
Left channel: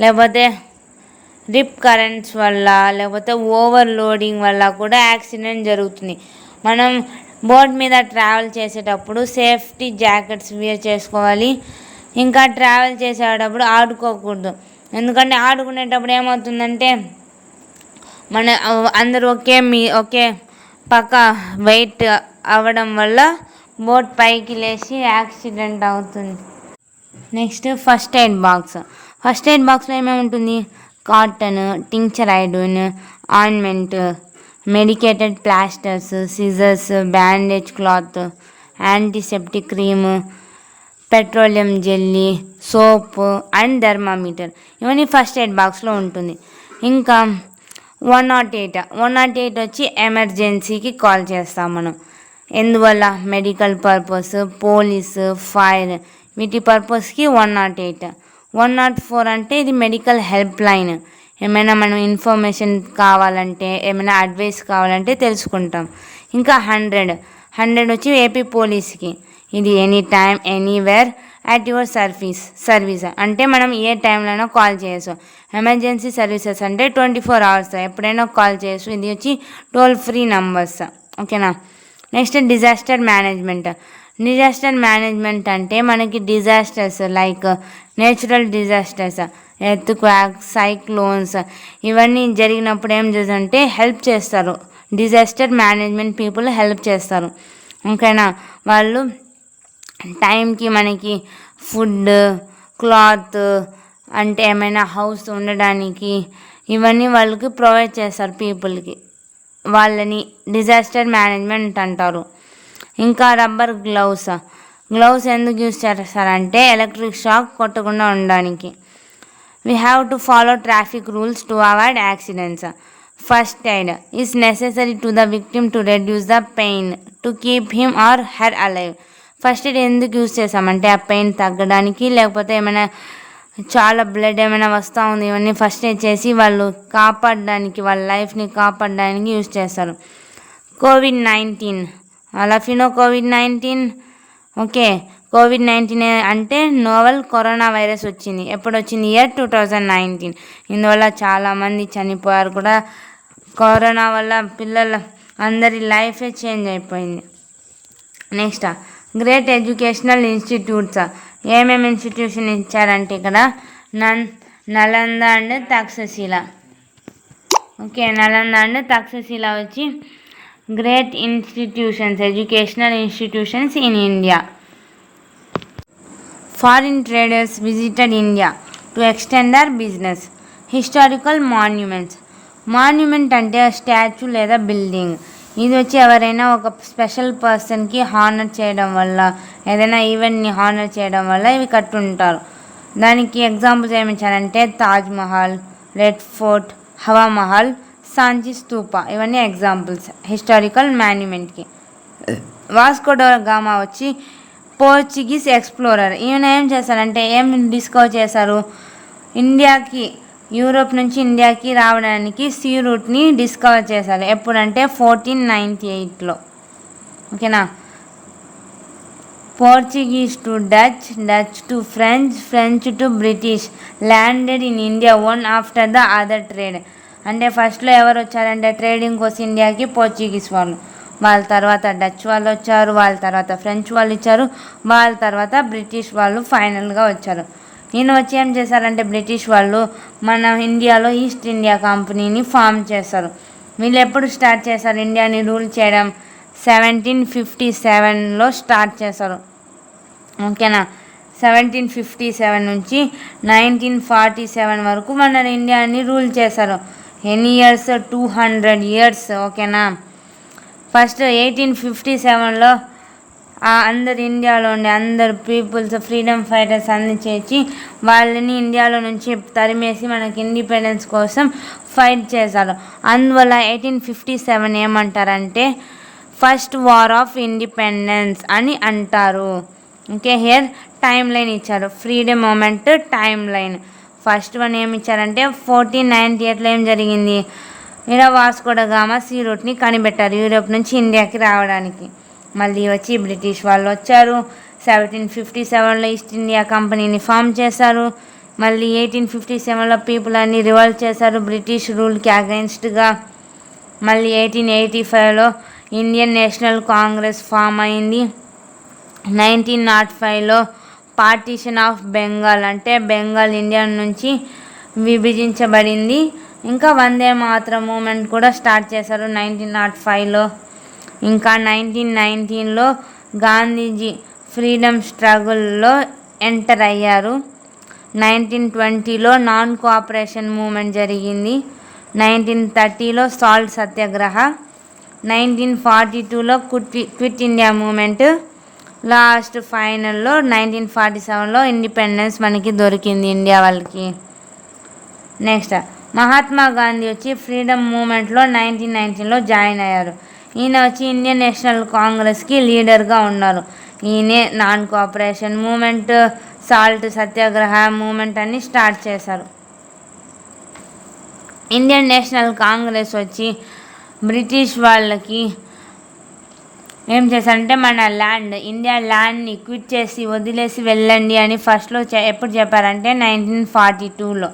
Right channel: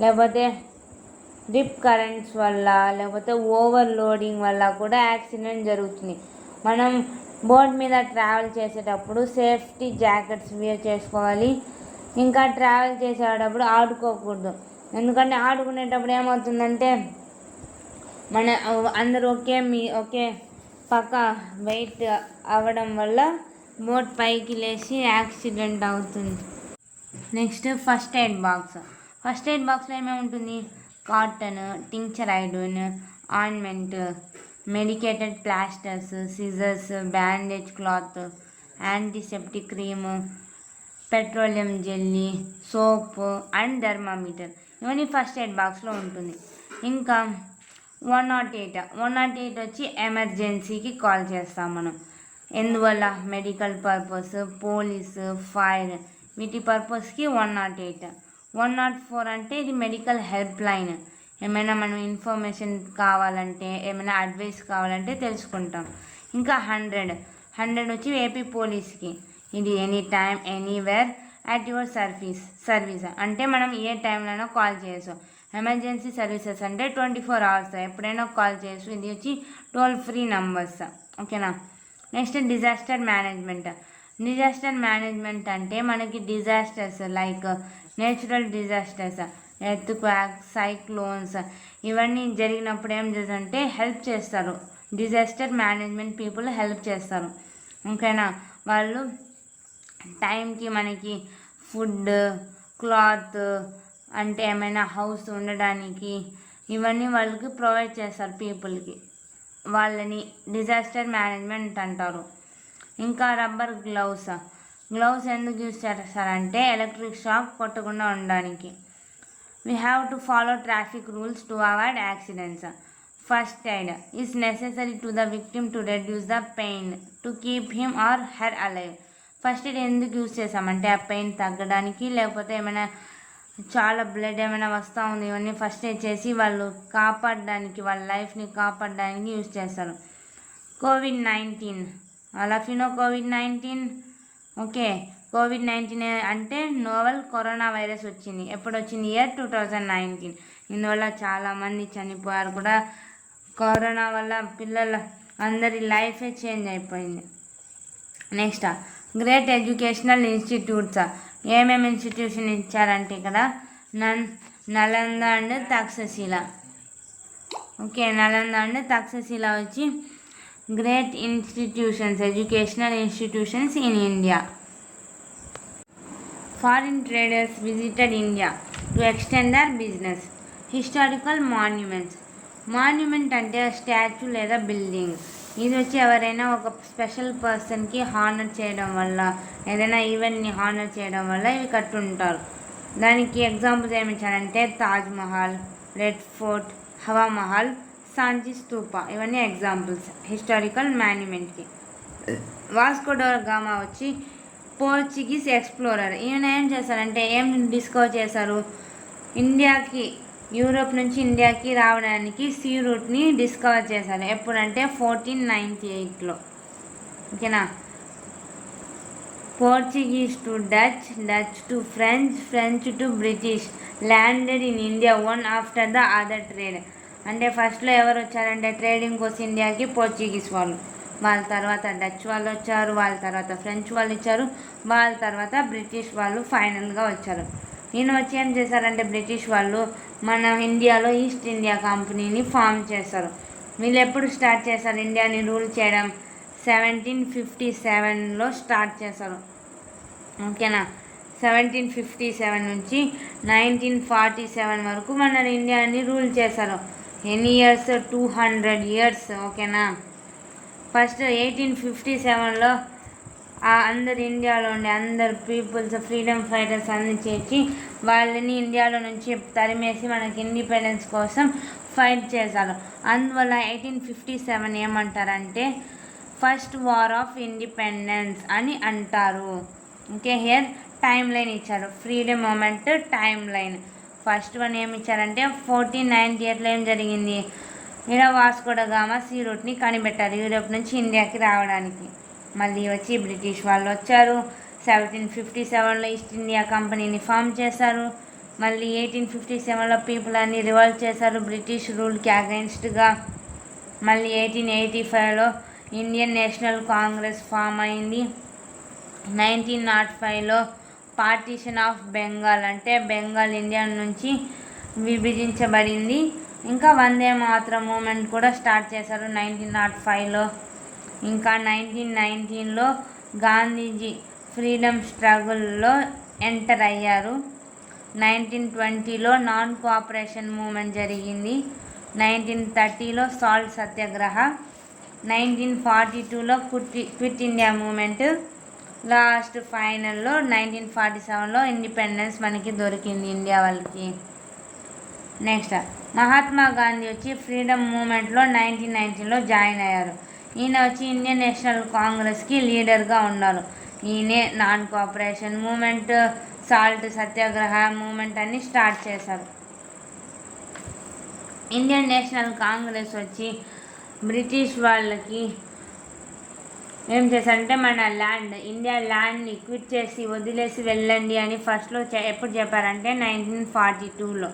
లేకపోతే రిప్ కరెంట్స్ వల్ల, లేకపోతే ఓవర్లోడింగ్ వల్ల కూడా యాక్సిడెంట్ జరుగుతుంది. మనం బోట్ మీద ట్రావెల్ చేసేటప్పుడు సేఫ్టీ జాకెట్స్ వేర్ చేసుకోవాలి. ఇంకా ట్రావెల్ చేసేటప్పుడు ఆడుకోకూడదు. ఎందుకంటే ఆడుకునేటప్పుడు ఏమవుతుందంటే అందరూ ఒకే పక్క వెయిట్ అవ్వడం వల్ల బోట్ పైకి లేచి యాక్సిడెంట్ అవుతుంది. నెక్స్ట్ ఫస్ట్ ఎయిడ్ బాక్స్లో ఏమేమి ఉంటుంది? Cotton, tincture iodine, ointment, medicated plasters, scissors, bandage cloth, antiseptic cream, petroleum jelly, soap and thermometer ఇవన్నీ ఫస్ట్ ఎయిడ్ బాక్స్లో ఉంటుంది. ఇంకా 108 వచ్చి ఎమర్జెన్సీకి కాల్ చేస్తాం మనం. ఎందువల్ల? మెడికల్ పర్పస్, పోలీసు, ఫైర్ వీటి పర్పస్కి 108. 104 అంటే ఇది మెడికల్ హెల్ప్ లైన్. ఏమైనా మనం ఇన్ఫర్మేషన్ కావాలంటే, ఏమైనా అడ్వైస్ కావాలంటే తెలుసుకుంటాం. ఇంకా 100 వచ్చి ఏపీ పోలీస్కి. ఇది any time anywhere at your service అంటే మనం ఏ టైంలోనైనా కాల్ చేయొచ్చు. ఎమర్జెన్సీ సర్వీసెస్ అంటే 24 hours ఎప్పుడైనా కాల్ చేయొచ్చు. ఇది వచ్చి టోల్ ఫ్రీ నంబర్స్. ఓకేనా. నెక్స్ట్ డిజాస్టర్ మేనేజ్మెంట్ అంటే మనకి disasters like natural disasters, earth quack, cyclones ఇవన్నీ జరిగినప్పుడు ఏం చేస్తారంటే హెల్ప్ చేస్తారు. డిజాస్టర్ మేనేజ్మెంట్ పీపుల్ హెల్ప్ చేస్తారు. ఓకేనా. వాళ్ళు టైంకి మనకి ఫుడ్, క్లాత్ అంటే ఏమైనా హౌస్ ఉండడానికి ఇవన్నీ వాళ్ళకి ప్రొవైడ్ చేస్తారు పీపుల్కి. వాళ్ళని డిజాస్టర్ మేనేజ్మెంట్ అంటారు. ఇంకా రబ్బర్ గ్లౌస్ ఎందుకు యూజ్ చేస్తారంటే ఎలక్ట్రిక్ షాక్ కొట్టకుండా ఉండడానికి. We have to follow traffic rules to avoid accidents. First aid is necessary to the victim to reduce the pain to keep him or her alive. First aid ఎందుకు యూజ్ చేస్తామంటే ఆ పెయిన్ తగ్గడానికి, లేకపోతే ఏమైనా చాలా బ్లడ్ ఏమైనా వస్తూ ఉంది ఇవన్నీ ఫస్ట్ ఎయిడ్ చేసి వాళ్ళు కాపాడడానికి, వాళ్ళ లైఫ్ని కాపాడడానికి యూజ్ చేస్తారు. COVID-19 COVID-19. ఓకే. COVID-19 అంటే నోవెల్ కరోనా వైరస్ వచ్చింది. ఎప్పుడు వచ్చింది? ఇయర్ 2019. ఇందువల్ల చాలామంది చనిపోయారు కూడా. కరోనా వల్ల పిల్లల అందరి లైఫే చేంజ్ అయిపోయింది. Next great educational institutes. ఏమేమి ఇన్స్టిట్యూషన్ ఇచ్చారంటే ఇక్కడ Nalanda and Takshashila. Okay. Nalanda and Takshashila వచ్చి great educational institutions in India. Foreign traders visited India to extend their business. Historical monuments. Monument అంటే స్టాచ్యూ లేదా బిల్డింగ్. ఇది వచ్చి ఎవరైనా ఒక స్పెషల్ పర్సన్కి హానర్ చేయడం వల్ల, ఏదైనా ఈవెంట్ని హానర్ చేయడం వల్ల ఇవి కట్టుంటారు. దానికి ఎగ్జాంపుల్స్ ఏమి ఇచ్చారంటే తాజ్మహల్, రెడ్ ఫోర్ట్, హవా మహల్, సాంచి స్తూప ఇవన్నీ ఎగ్జాంపుల్స్ హిస్టారికల్ మాన్యుమెంట్కి. వాస్కో డ గామా వచ్చి పోర్చుగీస్ ఎక్స్ప్లోరర్. ఈయన ఏం చేశారంటే ఏం డిస్కవర్ చేశారు? యూరోప్ నుంచి ఇండియాకి రావడానికి సీ రూట్ని డిస్కవర్ చేశారు. ఎప్పుడంటే 1498లో. ఓకేనా. Portuguese to Dutch, Dutch to French, French to British landed in India one after the other trade. అంటే ఫస్ట్లో ఎవరు వచ్చారంటే ట్రేడింగ్ కోసం ఇండియాకి పోర్చుగీస్ వాళ్ళు, వాళ్ళ తర్వాత డచ్ వాళ్ళు వచ్చారు, వాళ్ళ తర్వాత ఫ్రెంచ్ వాళ్ళు ఇచ్చారు, వాళ్ళ తర్వాత బ్రిటిష్ వాళ్ళు ఫైనల్గా వచ్చారు. ఈయన వచ్చి ఏం చేశారంటే బ్రిటిష్ వాళ్ళు మన ఇండియాలో ఈస్ట్ ఇండియా కంపెనీని ఫామ్ చేశారు. వీళ్ళు ఎప్పుడు స్టార్ట్ చేశారు ఇండియాని రూల్ చేయడం? 1757లో స్టార్ట్ చేశారు. ఓకేనా. 1757 నుంచి 1947 వరకు మన ఇండియాని రూల్ చేశారు. ఎన్ని ఇయర్స్? 200 years. ఓకేనా. ఫస్ట్ 1857లో అందరు ఇండియాలో ఉండే అందరు పీపుల్స్, ఫ్రీడమ్ ఫైటర్స్ అన్ని చేసి వాళ్ళని ఇండియాలో నుంచి తరిమేసి మనకి ఇండిపెండెన్స్ కోసం ఫైట్ చేశారు. అందువల్ల 1857 ఏమంటారంటే ఫస్ట్ వార్ ఆఫ్ ఇండిపెండెన్స్ అని అంటారు. ఓకే. హియర్ టైం లైన్ ఇచ్చారు, freedom movement time line. First one ఏమి ఇచ్చారంటే 1498లో ఏం జరిగింది? ఇలా వాస్కో డ గామా సీ రూట్ని కనిపెట్టారు యూరోప్ నుంచి ఇండియాకి రావడానికి. మళ్ళీ వచ్చి బ్రిటిష్ వాళ్ళు వచ్చారు. 1757లో ఈస్ట్ ఇండియా కంపెనీని ఫామ్ చేశారు. మళ్ళీ 1857లో పీపుల్ అన్ని రివోల్ట్ చేశారు బ్రిటిష్ రూల్కి అగెన్స్ట్గా. మళ్ళీ 1885లో ఇండియన్ నేషనల్ కాంగ్రెస్ ఫామ్ అయింది. 1905లో పార్టీషన్ ఆఫ్ బెంగాల్ అంటే బెంగాల్ ఇండియా నుంచి విభజించబడింది. ఇంకా వందే మాతరం మూమెంట్ కూడా స్టార్ట్ చేశారు 1905లో. ఇంకా 1919లో గాంధీజీ ఫ్రీడమ్ స్ట్రగుల్లో ఎంటర్ అయ్యారు. 1920లో నాన్ కోఆపరేషన్ మూమెంట్ జరిగింది. 1930లో సాల్ట్ సత్యాగ్రహ, 1942లో క్విట్ ఇండియా మూమెంట్, లాస్ట్ ఫైనల్లో 1947లో ఇండిపెండెన్స్ మనకి దొరికింది ఇండియా వాళ్ళకి. నెక్స్ట్ మహాత్మా గాంధీ వచ్చి ఫ్రీడమ్ మూమెంట్లో 1919లో జాయిన్ అయ్యారు. ఈయన వచ్చి ఇండియన్ నేషనల్ కాంగ్రెస్కి లీడర్గా ఉన్నారు. ఈయనే నాన్ కోఆపరేషన్ మూమెంట్, సాల్ట్ సత్యాగ్రహ మూమెంట్ అన్ని స్టార్ట్ చేశారు. ఇండియన్ నేషనల్ కాంగ్రెస్ వచ్చి బ్రిటిష్ వాళ్ళకి ఏం చేశారంటే మన ఇండియా ల్యాండ్ని క్విట్ చేసి వదిలేసి వెళ్ళండి అని ఫస్ట్లో ఎప్పుడు చెప్పారంటే 1942లో.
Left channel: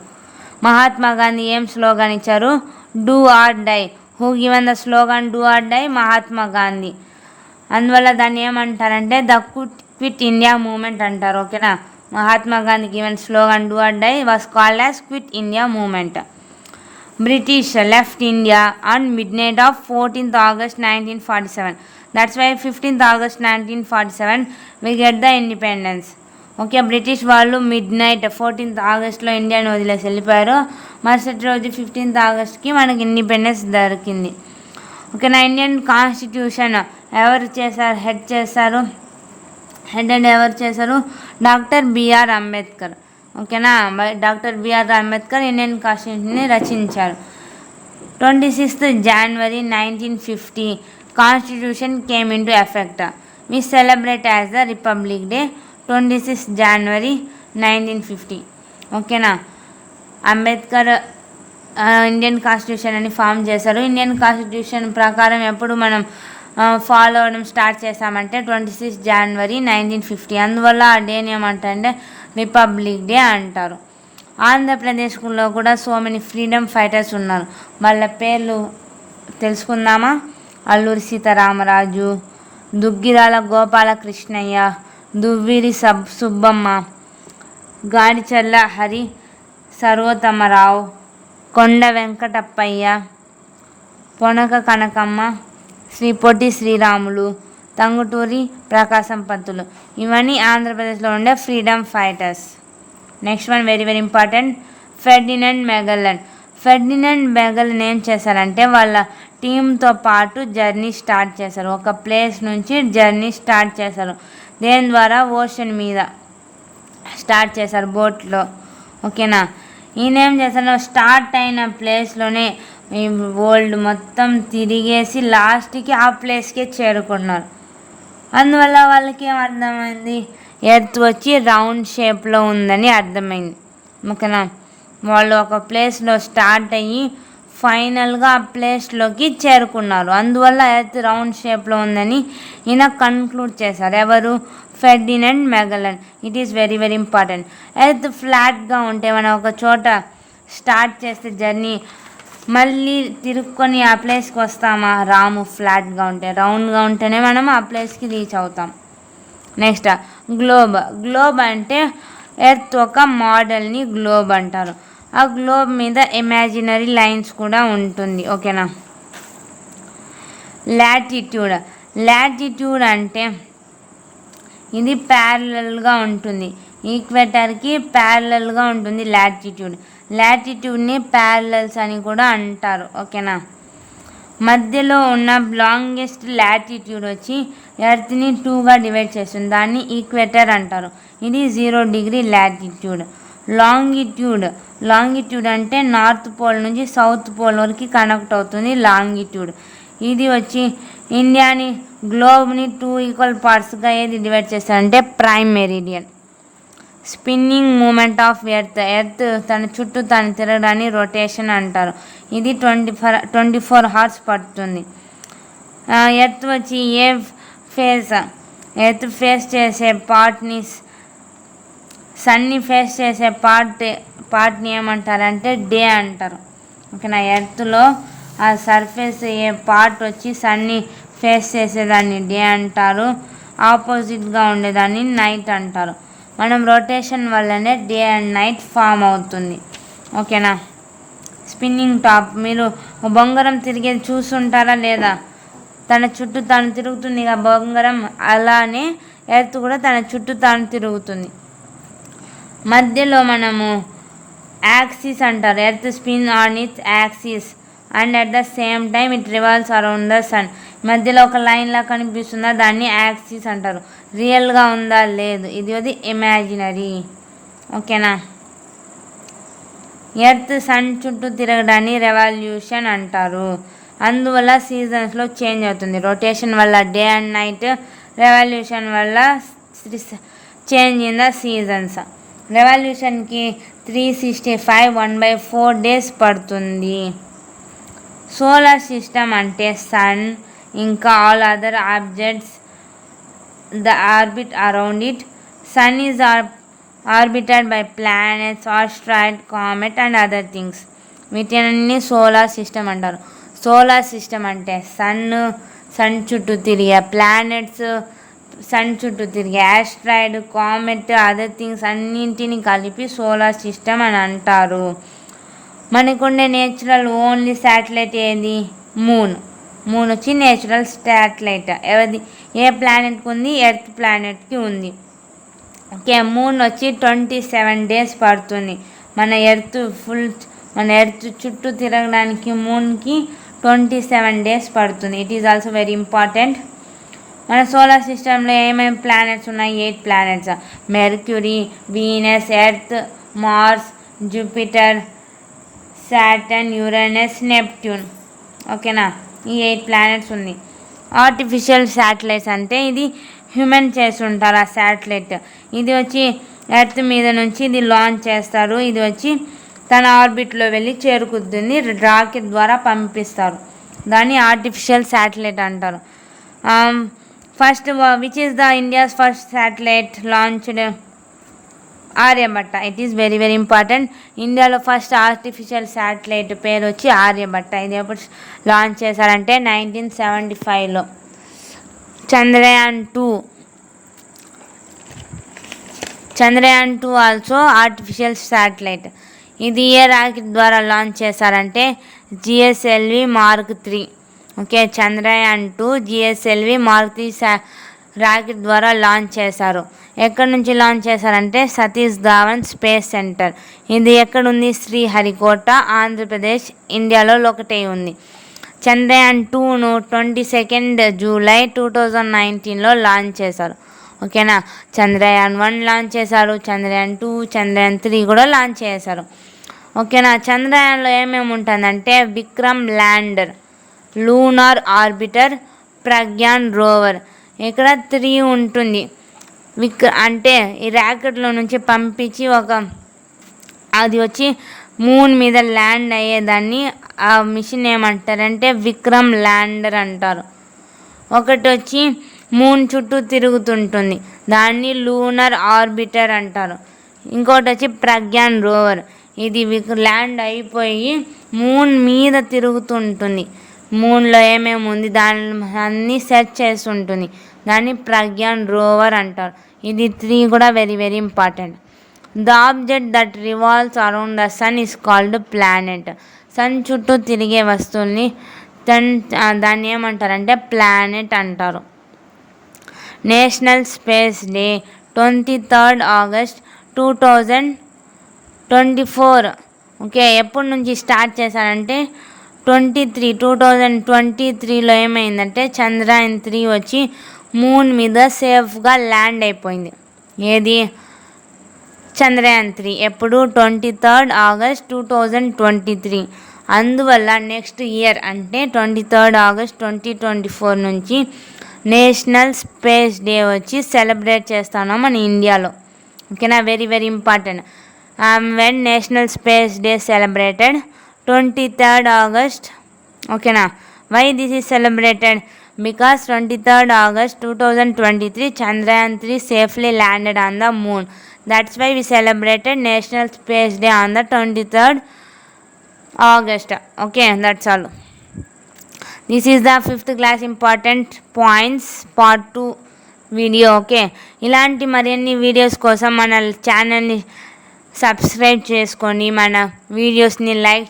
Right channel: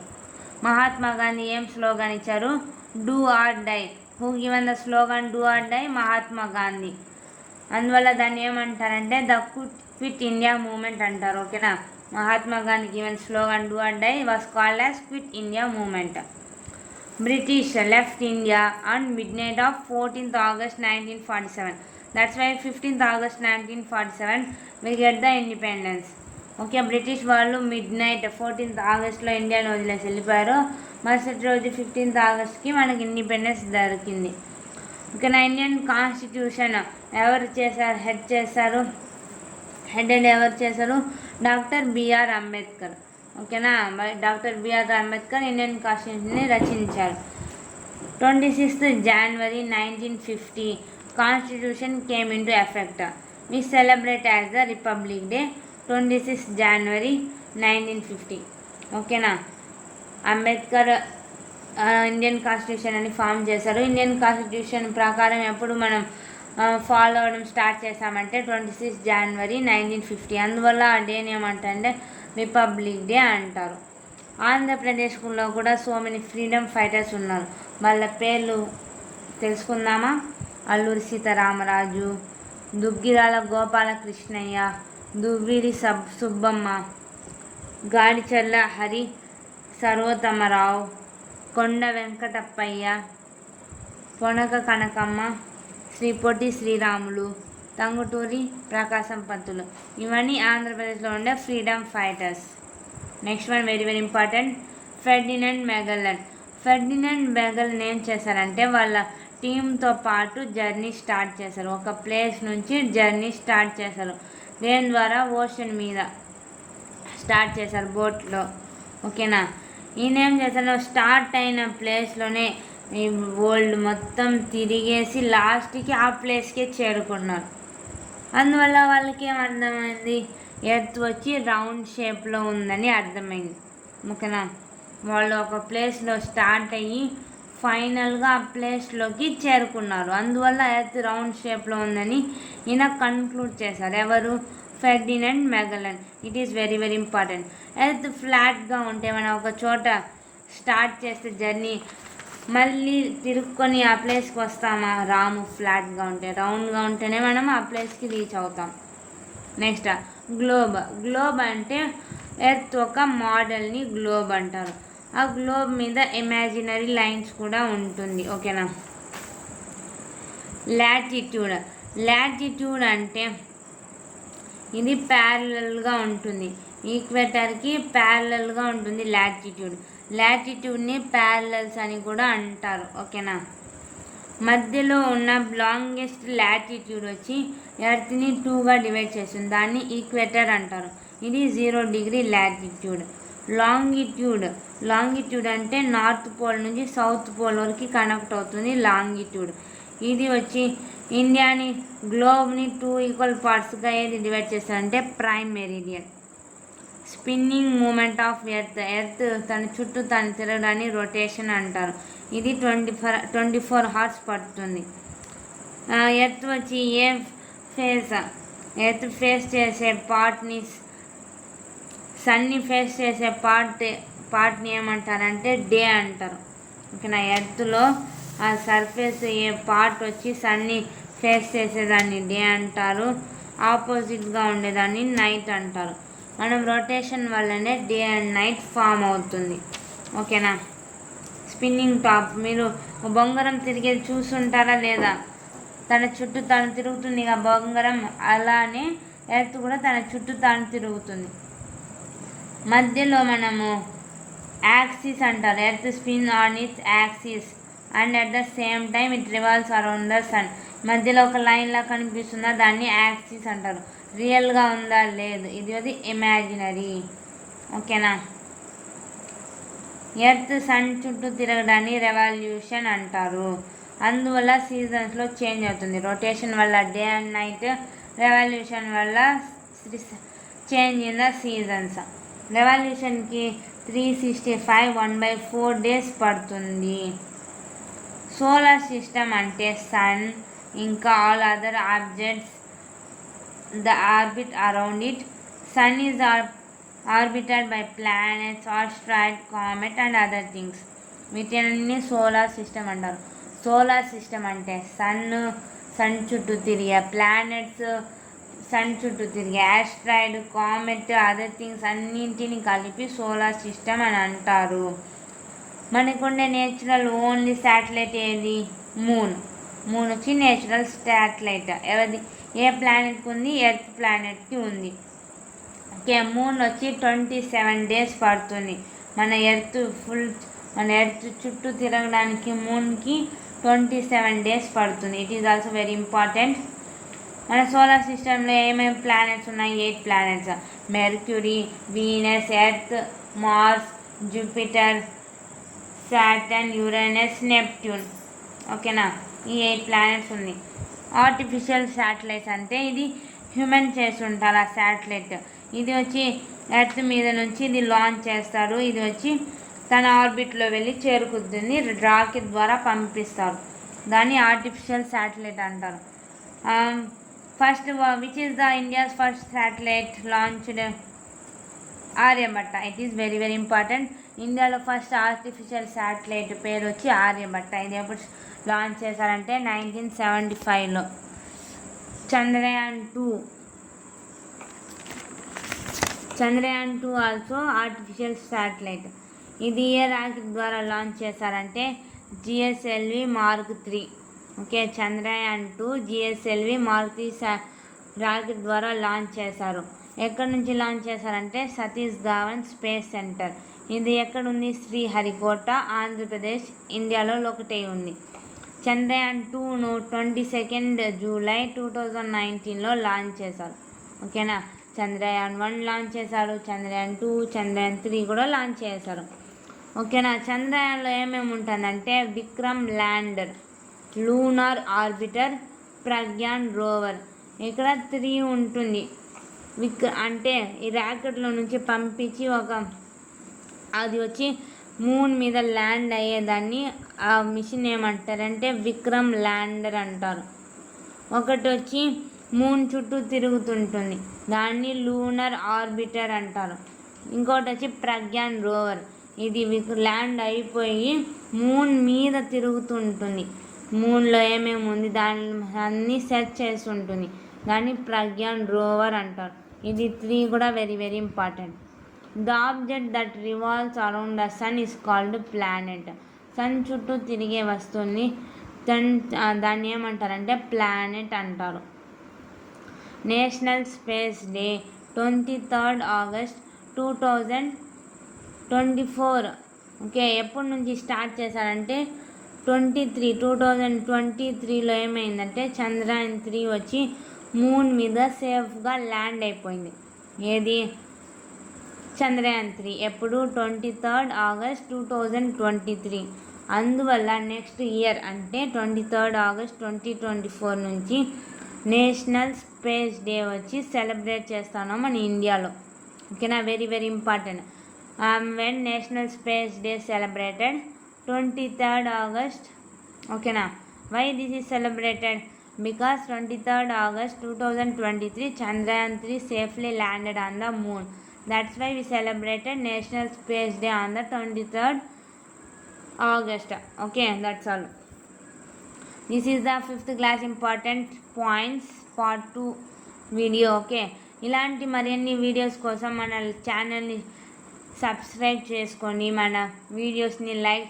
మహాత్మా గాంధీ ఏం స్లోగన్ ఇచ్చారు? Do or die. Who given the slogan do or die? Mahatma Gandhi. అందువల్ల దాన్ని ఏమంటారంటే ద క్విట్ ఇండియా మూమెంట్ అంటారు. ఓకేనా. Mahatma Gandhi given slogan do or die was called as quit India movement. British left India on midnight of 14th August 1947. That's why 15th August 1947 we get the independence. Okay, British వాళ్ళు మిడ్నైట్ 14th ఆగస్ట్లో ఇండియాని వదిలేసి వెళ్ళిపోయారు. మరుసటి రోజు 15th ఆగస్ట్కి మనకి ఇండిపెండెన్స్ దొరికింది. ఓకేనా. ఇండియన్ కాన్స్టిట్యూషన్ ఎవరు చేశారు? హెడ్ ఎవరు చేశారు? Doctor B R Ambedkar. ఓకేనా. డాక్టర్ బిఆర్ అంబేద్కర్ ఇండియన్ కాన్స్టిట్యూషన్ని రచించారు. 26th January 1950 constitution came into effect. We celebrate as the republic day 26th January 1950. ఓకేనా. అంబేద్కర్ ఇండియన్ కాన్స్టిట్యూషన్ అని ఫామ్ చేశారు. ఇండియన్ కాన్స్టిట్యూషన్ ప్రకారం ఎప్పుడు మనం ఫాలో అవ్వడం స్టార్ట్ చేసామంటే 26th January 1950. అందువల్ల ఆ డేని ఏమంటారంటే రిపబ్లిక్ డే అంటారు. ఆంధ్రప్రదేశ్లో కూడా సో మెనీ ఫ్రీడమ్ ఫైటర్స్ ఉన్నారు. వాళ్ళ పేర్లు తెలుసుకుందామా? అల్లూరి సీతారామరాజు, దుగ్గిరాల గోపాలకృష్ణయ్య, దువ్విరి సుబ్బమ్మ, గాడిచర్ల హరి సర్వోత్తమరావు, కొండ వెంకటప్పయ్య, పొనక కనకమ్మ, శ్రీ పొట్టి శ్రీరాములు, తంగుటూరి ప్రకాశం పంతులు. ఇవన్నీ ఆంధ్రప్రదేశ్లో ఉండే freedom fighters. Next one very very important, Ferdinand Magellan. Ferdinand Magellan ఏం చేశారంటే వాళ్ళ టీంతో పాటు జర్నీ స్టార్ట్ చేశారు. ఒక ప్లేస్ నుంచి జర్నీ స్టార్ట్ చేశారు. దేని ద్వారా? ఓషన్ మీద స్టార్ట్ చేశారు, బోట్లో. ఓకేనా. ఈయన ఏం చేశారు? స్టార్ట్ అయిన ప్లేస్లోనే ఈ వరల్డ్ మొత్తం తిరిగేసి లాస్ట్కి ఆ ప్లేస్కే చేరుకున్నారు. అందువల్ల వాళ్ళకి ఏం అర్థమైంది? ఎర్త్ వచ్చి రౌండ్ షేప్లో ఉందని అర్థమైంది. ఓకేనా. వాళ్ళు ఒక ప్లేస్లో స్టార్ట్ అయ్యి ఫైనల్గా ఆ ప్లేస్లోకి చేరుకున్నారు. అందువల్ల ఎర్త్ రౌండ్ షేప్లో ఉందని ఈయన కన్క్లూడ్ చేశారు. ఎవరు? Ferdinand Magellan. It is very very important. Earth ఫ్లాట్గా ఉంటే మనం ఒక చోట స్టార్ట్ చేస్తే జర్నీ మళ్ళీ తిరుక్కొని ఆ ప్లేస్కి వస్తామా? రాము. ఫ్లాట్గా ఉంటే, రౌండ్గా ఉంటేనే మనం ఆ ప్లేస్కి రీచ్ అవుతాం. Next globe. గ్లోబ్ అంటే ఎర్త్ ఒక మోడల్ని గ్లోబ్ అంటారు. ఆ గ్లోబ్ మీద ఇమాజినరీ లైన్స్ కూడా ఉంటుంది. ఓకేనా. లాటిట్యూడ్. లాటిట్యూడ్ అంటే ఇది ప్యారలల్గా ఉంటుంది, ఈక్వేటర్కి ప్యారలల్గా ఉంటుంది లాటిట్యూడ్. లాటిట్యూడ్ని ప్యారలల్స్ అని కూడా అంటారు. ఓకేనా. మధ్యలో ఉన్న లాంగెస్ట్ లాటిట్యూడ్ వచ్చి ఎర్త్ని 2గా డివైడ్ చేస్తుంది. దాన్ని ఈక్వేటర్ అంటారు. ఇది 0 degree లాటిట్యూడ్. లాంగిట్యూడ్ అంటే నార్త్ పోల్ నుంచి సౌత్ పోల్ వరకు కనెక్ట్ అవుతుంది లాంగిట్యూడ్. ఇది వచ్చి ఇండియాని గ్లోబ్ని 2 equal పార్ట్స్గా ఏది డివైడ్ చేస్తారంటే prime meridian. Spinning movement of earth తన చుట్టూ తను తిరగడాన్ని రొటేషన్ అంటారు. ఇది 24 hours పడుతుంది. ఎర్త్ వచ్చి ఎర్త్ ఫేస్ చేసే పార్ట్ని, సన్ని ఫేస్ చేసే పార్ట్ని ఏమంటారంటే డే అంటారు. ఓకేనా. ఎర్త్లో ఆ సర్ఫేస్ ఏ పార్ట్ వచ్చి సన్ని ఫేస్ చేసేదాన్ని డే అంటారు, ఆపోజిట్గా ఉండేదాన్ని నైట్ అంటారు. మనం రొటేషన్ వల్లనే డే అండ్ నైట్ ఫామ్ అవుతుంది. ఓకేనా. Spinning top. మీరు బొంగరం తిరిగేది చూస్తుంటారా లేదా? తన చుట్టూ తాను తిరుగుతుంది ఇక బొంగరం, అలానే ఎర్త్ కూడా తన చుట్టూ తాను తిరుగుతుంది. మధ్యలో మనము యాక్సిస్ అంటారు. Earth spin on its axis and at the same time it revolves around the sun. మధ్యలో ఒక లైన్లా కనిపిస్తుందా, దాన్ని యాక్సిస్ అంటారు. రియల్గా ఉందా లేదు, ఇది ఇమాజినరీ. ఓకేనా. ఎర్త్ సన్ చుట్టూ తిరగడాన్ని రెవల్యూషన్ అంటారు. అందువల్ల సీజన్స్లో చేంజ్ అవుతుంది. రొటేషన్ వల్ల డే అండ్ నైట్, రెవల్యూషన్ వల్ల చేంజ్ ఇన్ ద సీజన్స్. రెవల్యూషన్కి 365 1/4 డేస్ పడుతుంది. సోలార్ సిస్టమ్ అంటే సన్ ఇంకా all other objects the orbit around it. Sun is orbited by planets, asteroid, comet and other things. వీటిని సోలార్ సిస్టమ్ అంటారు. సోలార్ సిస్టమ్ అంటే సన్ చుట్టూ తిరిగే ప్లానెట్స్, సన్ చుట్టూ తిరిగే ఆస్ట్రాయిడ్, కామెట్, అదర్ థింగ్స్ అన్నింటినీ కలిపి సోలార్ సిస్టమ్ అని అంటారు. మనకుండే నేచురల్ ఓన్లీ శాటిలైట్ ఏది? మూన్ వచ్చి నేచురల్ శాటిలైట్. ఏ ప్లానెట్కి ఉంది? ఎర్త్ ప్లానెట్కి ఉంది. ఓకే. మూన్ వచ్చి 27 డేస్ పడుతుంది. మన ఎర్త్ చుట్టూ తిరగడానికి మూన్కి 27 డేస్ పడుతుంది. It is also very important. మన సోలార్ సిస్టంలో ఏమేమి ప్లానెట్స్ ఉన్నాయి? 8 planets. Mercury, Venus, Earth, Mars, Jupiter, Saturn, Uranus, Neptune. ఓకేనా. ఈ 8 ప్లానెట్స్ ఉంది. ఆర్టిఫిషియల్ శాటిలైట్స్ అంటే ఇది హ్యూమన్ చేస్తుంటారు ఆ శాటిలైట్. ఇది వచ్చి ఎర్త్ మీద నుంచి ఇది లాంచ్ చేస్తారు. ఇది వచ్చి తన ఆర్బిట్లో వెళ్ళి చేరుకుతుంది. రాకెట్ ద్వారా పంపిస్తారు. దాన్ని ఆర్టిఫిషియల్ శాటిలైట్ అంటారు. First which is the India's first satellite launched? Aryabhatta. It is very very important. ఇండియాలో ఫస్ట్ ఆర్టిఫిషియల్ శాటిలైట్ పేరు వచ్చి ఆర్యభట్ట. ఇది ఎప్పుడు లాంచ్ చేశారంటే 1975లో. Chandrayaan 2 also artificial satellite. ఇది ఏ రాకెట్ ద్వారా లాంచ్ చేశారంటే GSLV mark 3. Okay. Chandrayaan 2 GSLV mark 3 rocket ద్వారా లాంచ్ చేశారు. ఎక్కడి నుంచి లాంచ్ చేశారంటే సతీష్ ధావన్ స్పేస్ సెంటర్. ఇది ఎక్కడుంది? శ్రీహరికోట, ఆంధ్రప్రదేశ్, ఇండియాలో ఒకటే ఉంది. చంద్రయాన్ 2ను 22 జూలై 2019లో లాంచ్ చేశారు. ఓకేనా. చంద్రయాన్ 1 లాంచ్ చేశారు. చంద్రయాన్ 2, చంద్రయాన్ 3 కూడా లాంచ్ చేశారు. ఓకేనా. చంద్రయాన్లో ఏమేమి ఉంటుందంటే Vikram lander, lunar orbiter, Pragyan rover. ఇక్కడ 3 ఉంటుంది. అంటే ఈ ర్యాకెట్లో నుంచి పంపించి అది వచ్చి మూన్ మీద ల్యాండ్ అయ్యేదాన్ని ఆ మిషన్ ఏమంటారంటే విక్రమ్ ల్యాండర్ అంటారు. ఒకటి వచ్చి మూన్ చుట్టూ తిరుగుతుంటుంది, దాన్ని లూనర్ ఆర్బిటర్ అంటారు. ఇంకోటి వచ్చి ప్రజ్ఞాన్ రోవర్. ఇది ల్యాండ్ అయిపోయి మూన్ మీద తిరుగుతుంటుంది. మూన్లో ఏమేమి ఉంది దాన్ని సెర్చ్ చేస్తుంటుంది. దాన్ని ప్రజ్ఞాన్ రోవర్ అంటారు. ఇది 3 కూడా very very important. The object that revolves around the sun is called planet. Sun చుట్టూ తిరిగే వస్తువుల్ని దాన్ని ఏమంటారంటే ప్లానెట్ అంటారు. National space day 23 August 2024. ఓకే. ఎప్పటి నుంచి స్టార్ట్ చేశారంటే 2023లో ఏమైందంటే చంద్రయాన్ 3 వచ్చి మూన్ మీద సేఫ్గా ల్యాండ్ అయిపోయింది. ఏది? చంద్రయాన్ 3. ఎప్పుడు? 23 ఆగస్ట్ 2023. అందువల్ల నెక్స్ట్ ఇయర్ అంటే 23 ఆగస్ట్ 2024 నుంచి నేషనల్ స్పేస్ డే వచ్చి సెలబ్రేట్ చేస్తాను మన ఇండియాలో. ఓకేనా. Very very important. When national space day celebrated 23 August. ఓకేనా. Why this is celebrated? Because 23 August 2023 Chandrayaan 3 safely landed on the moon. That's why we celebrated National Space Day on the 23rd August. Okay, that's all. This is the 5th class important points part 2 video. Okay, ఇలాంటి మరిన్ని వీడియోస్ కోసం మన ఛానల్ని సబ్స్క్రైబ్ చేసుకొని మన వీడియోస్ని లైక్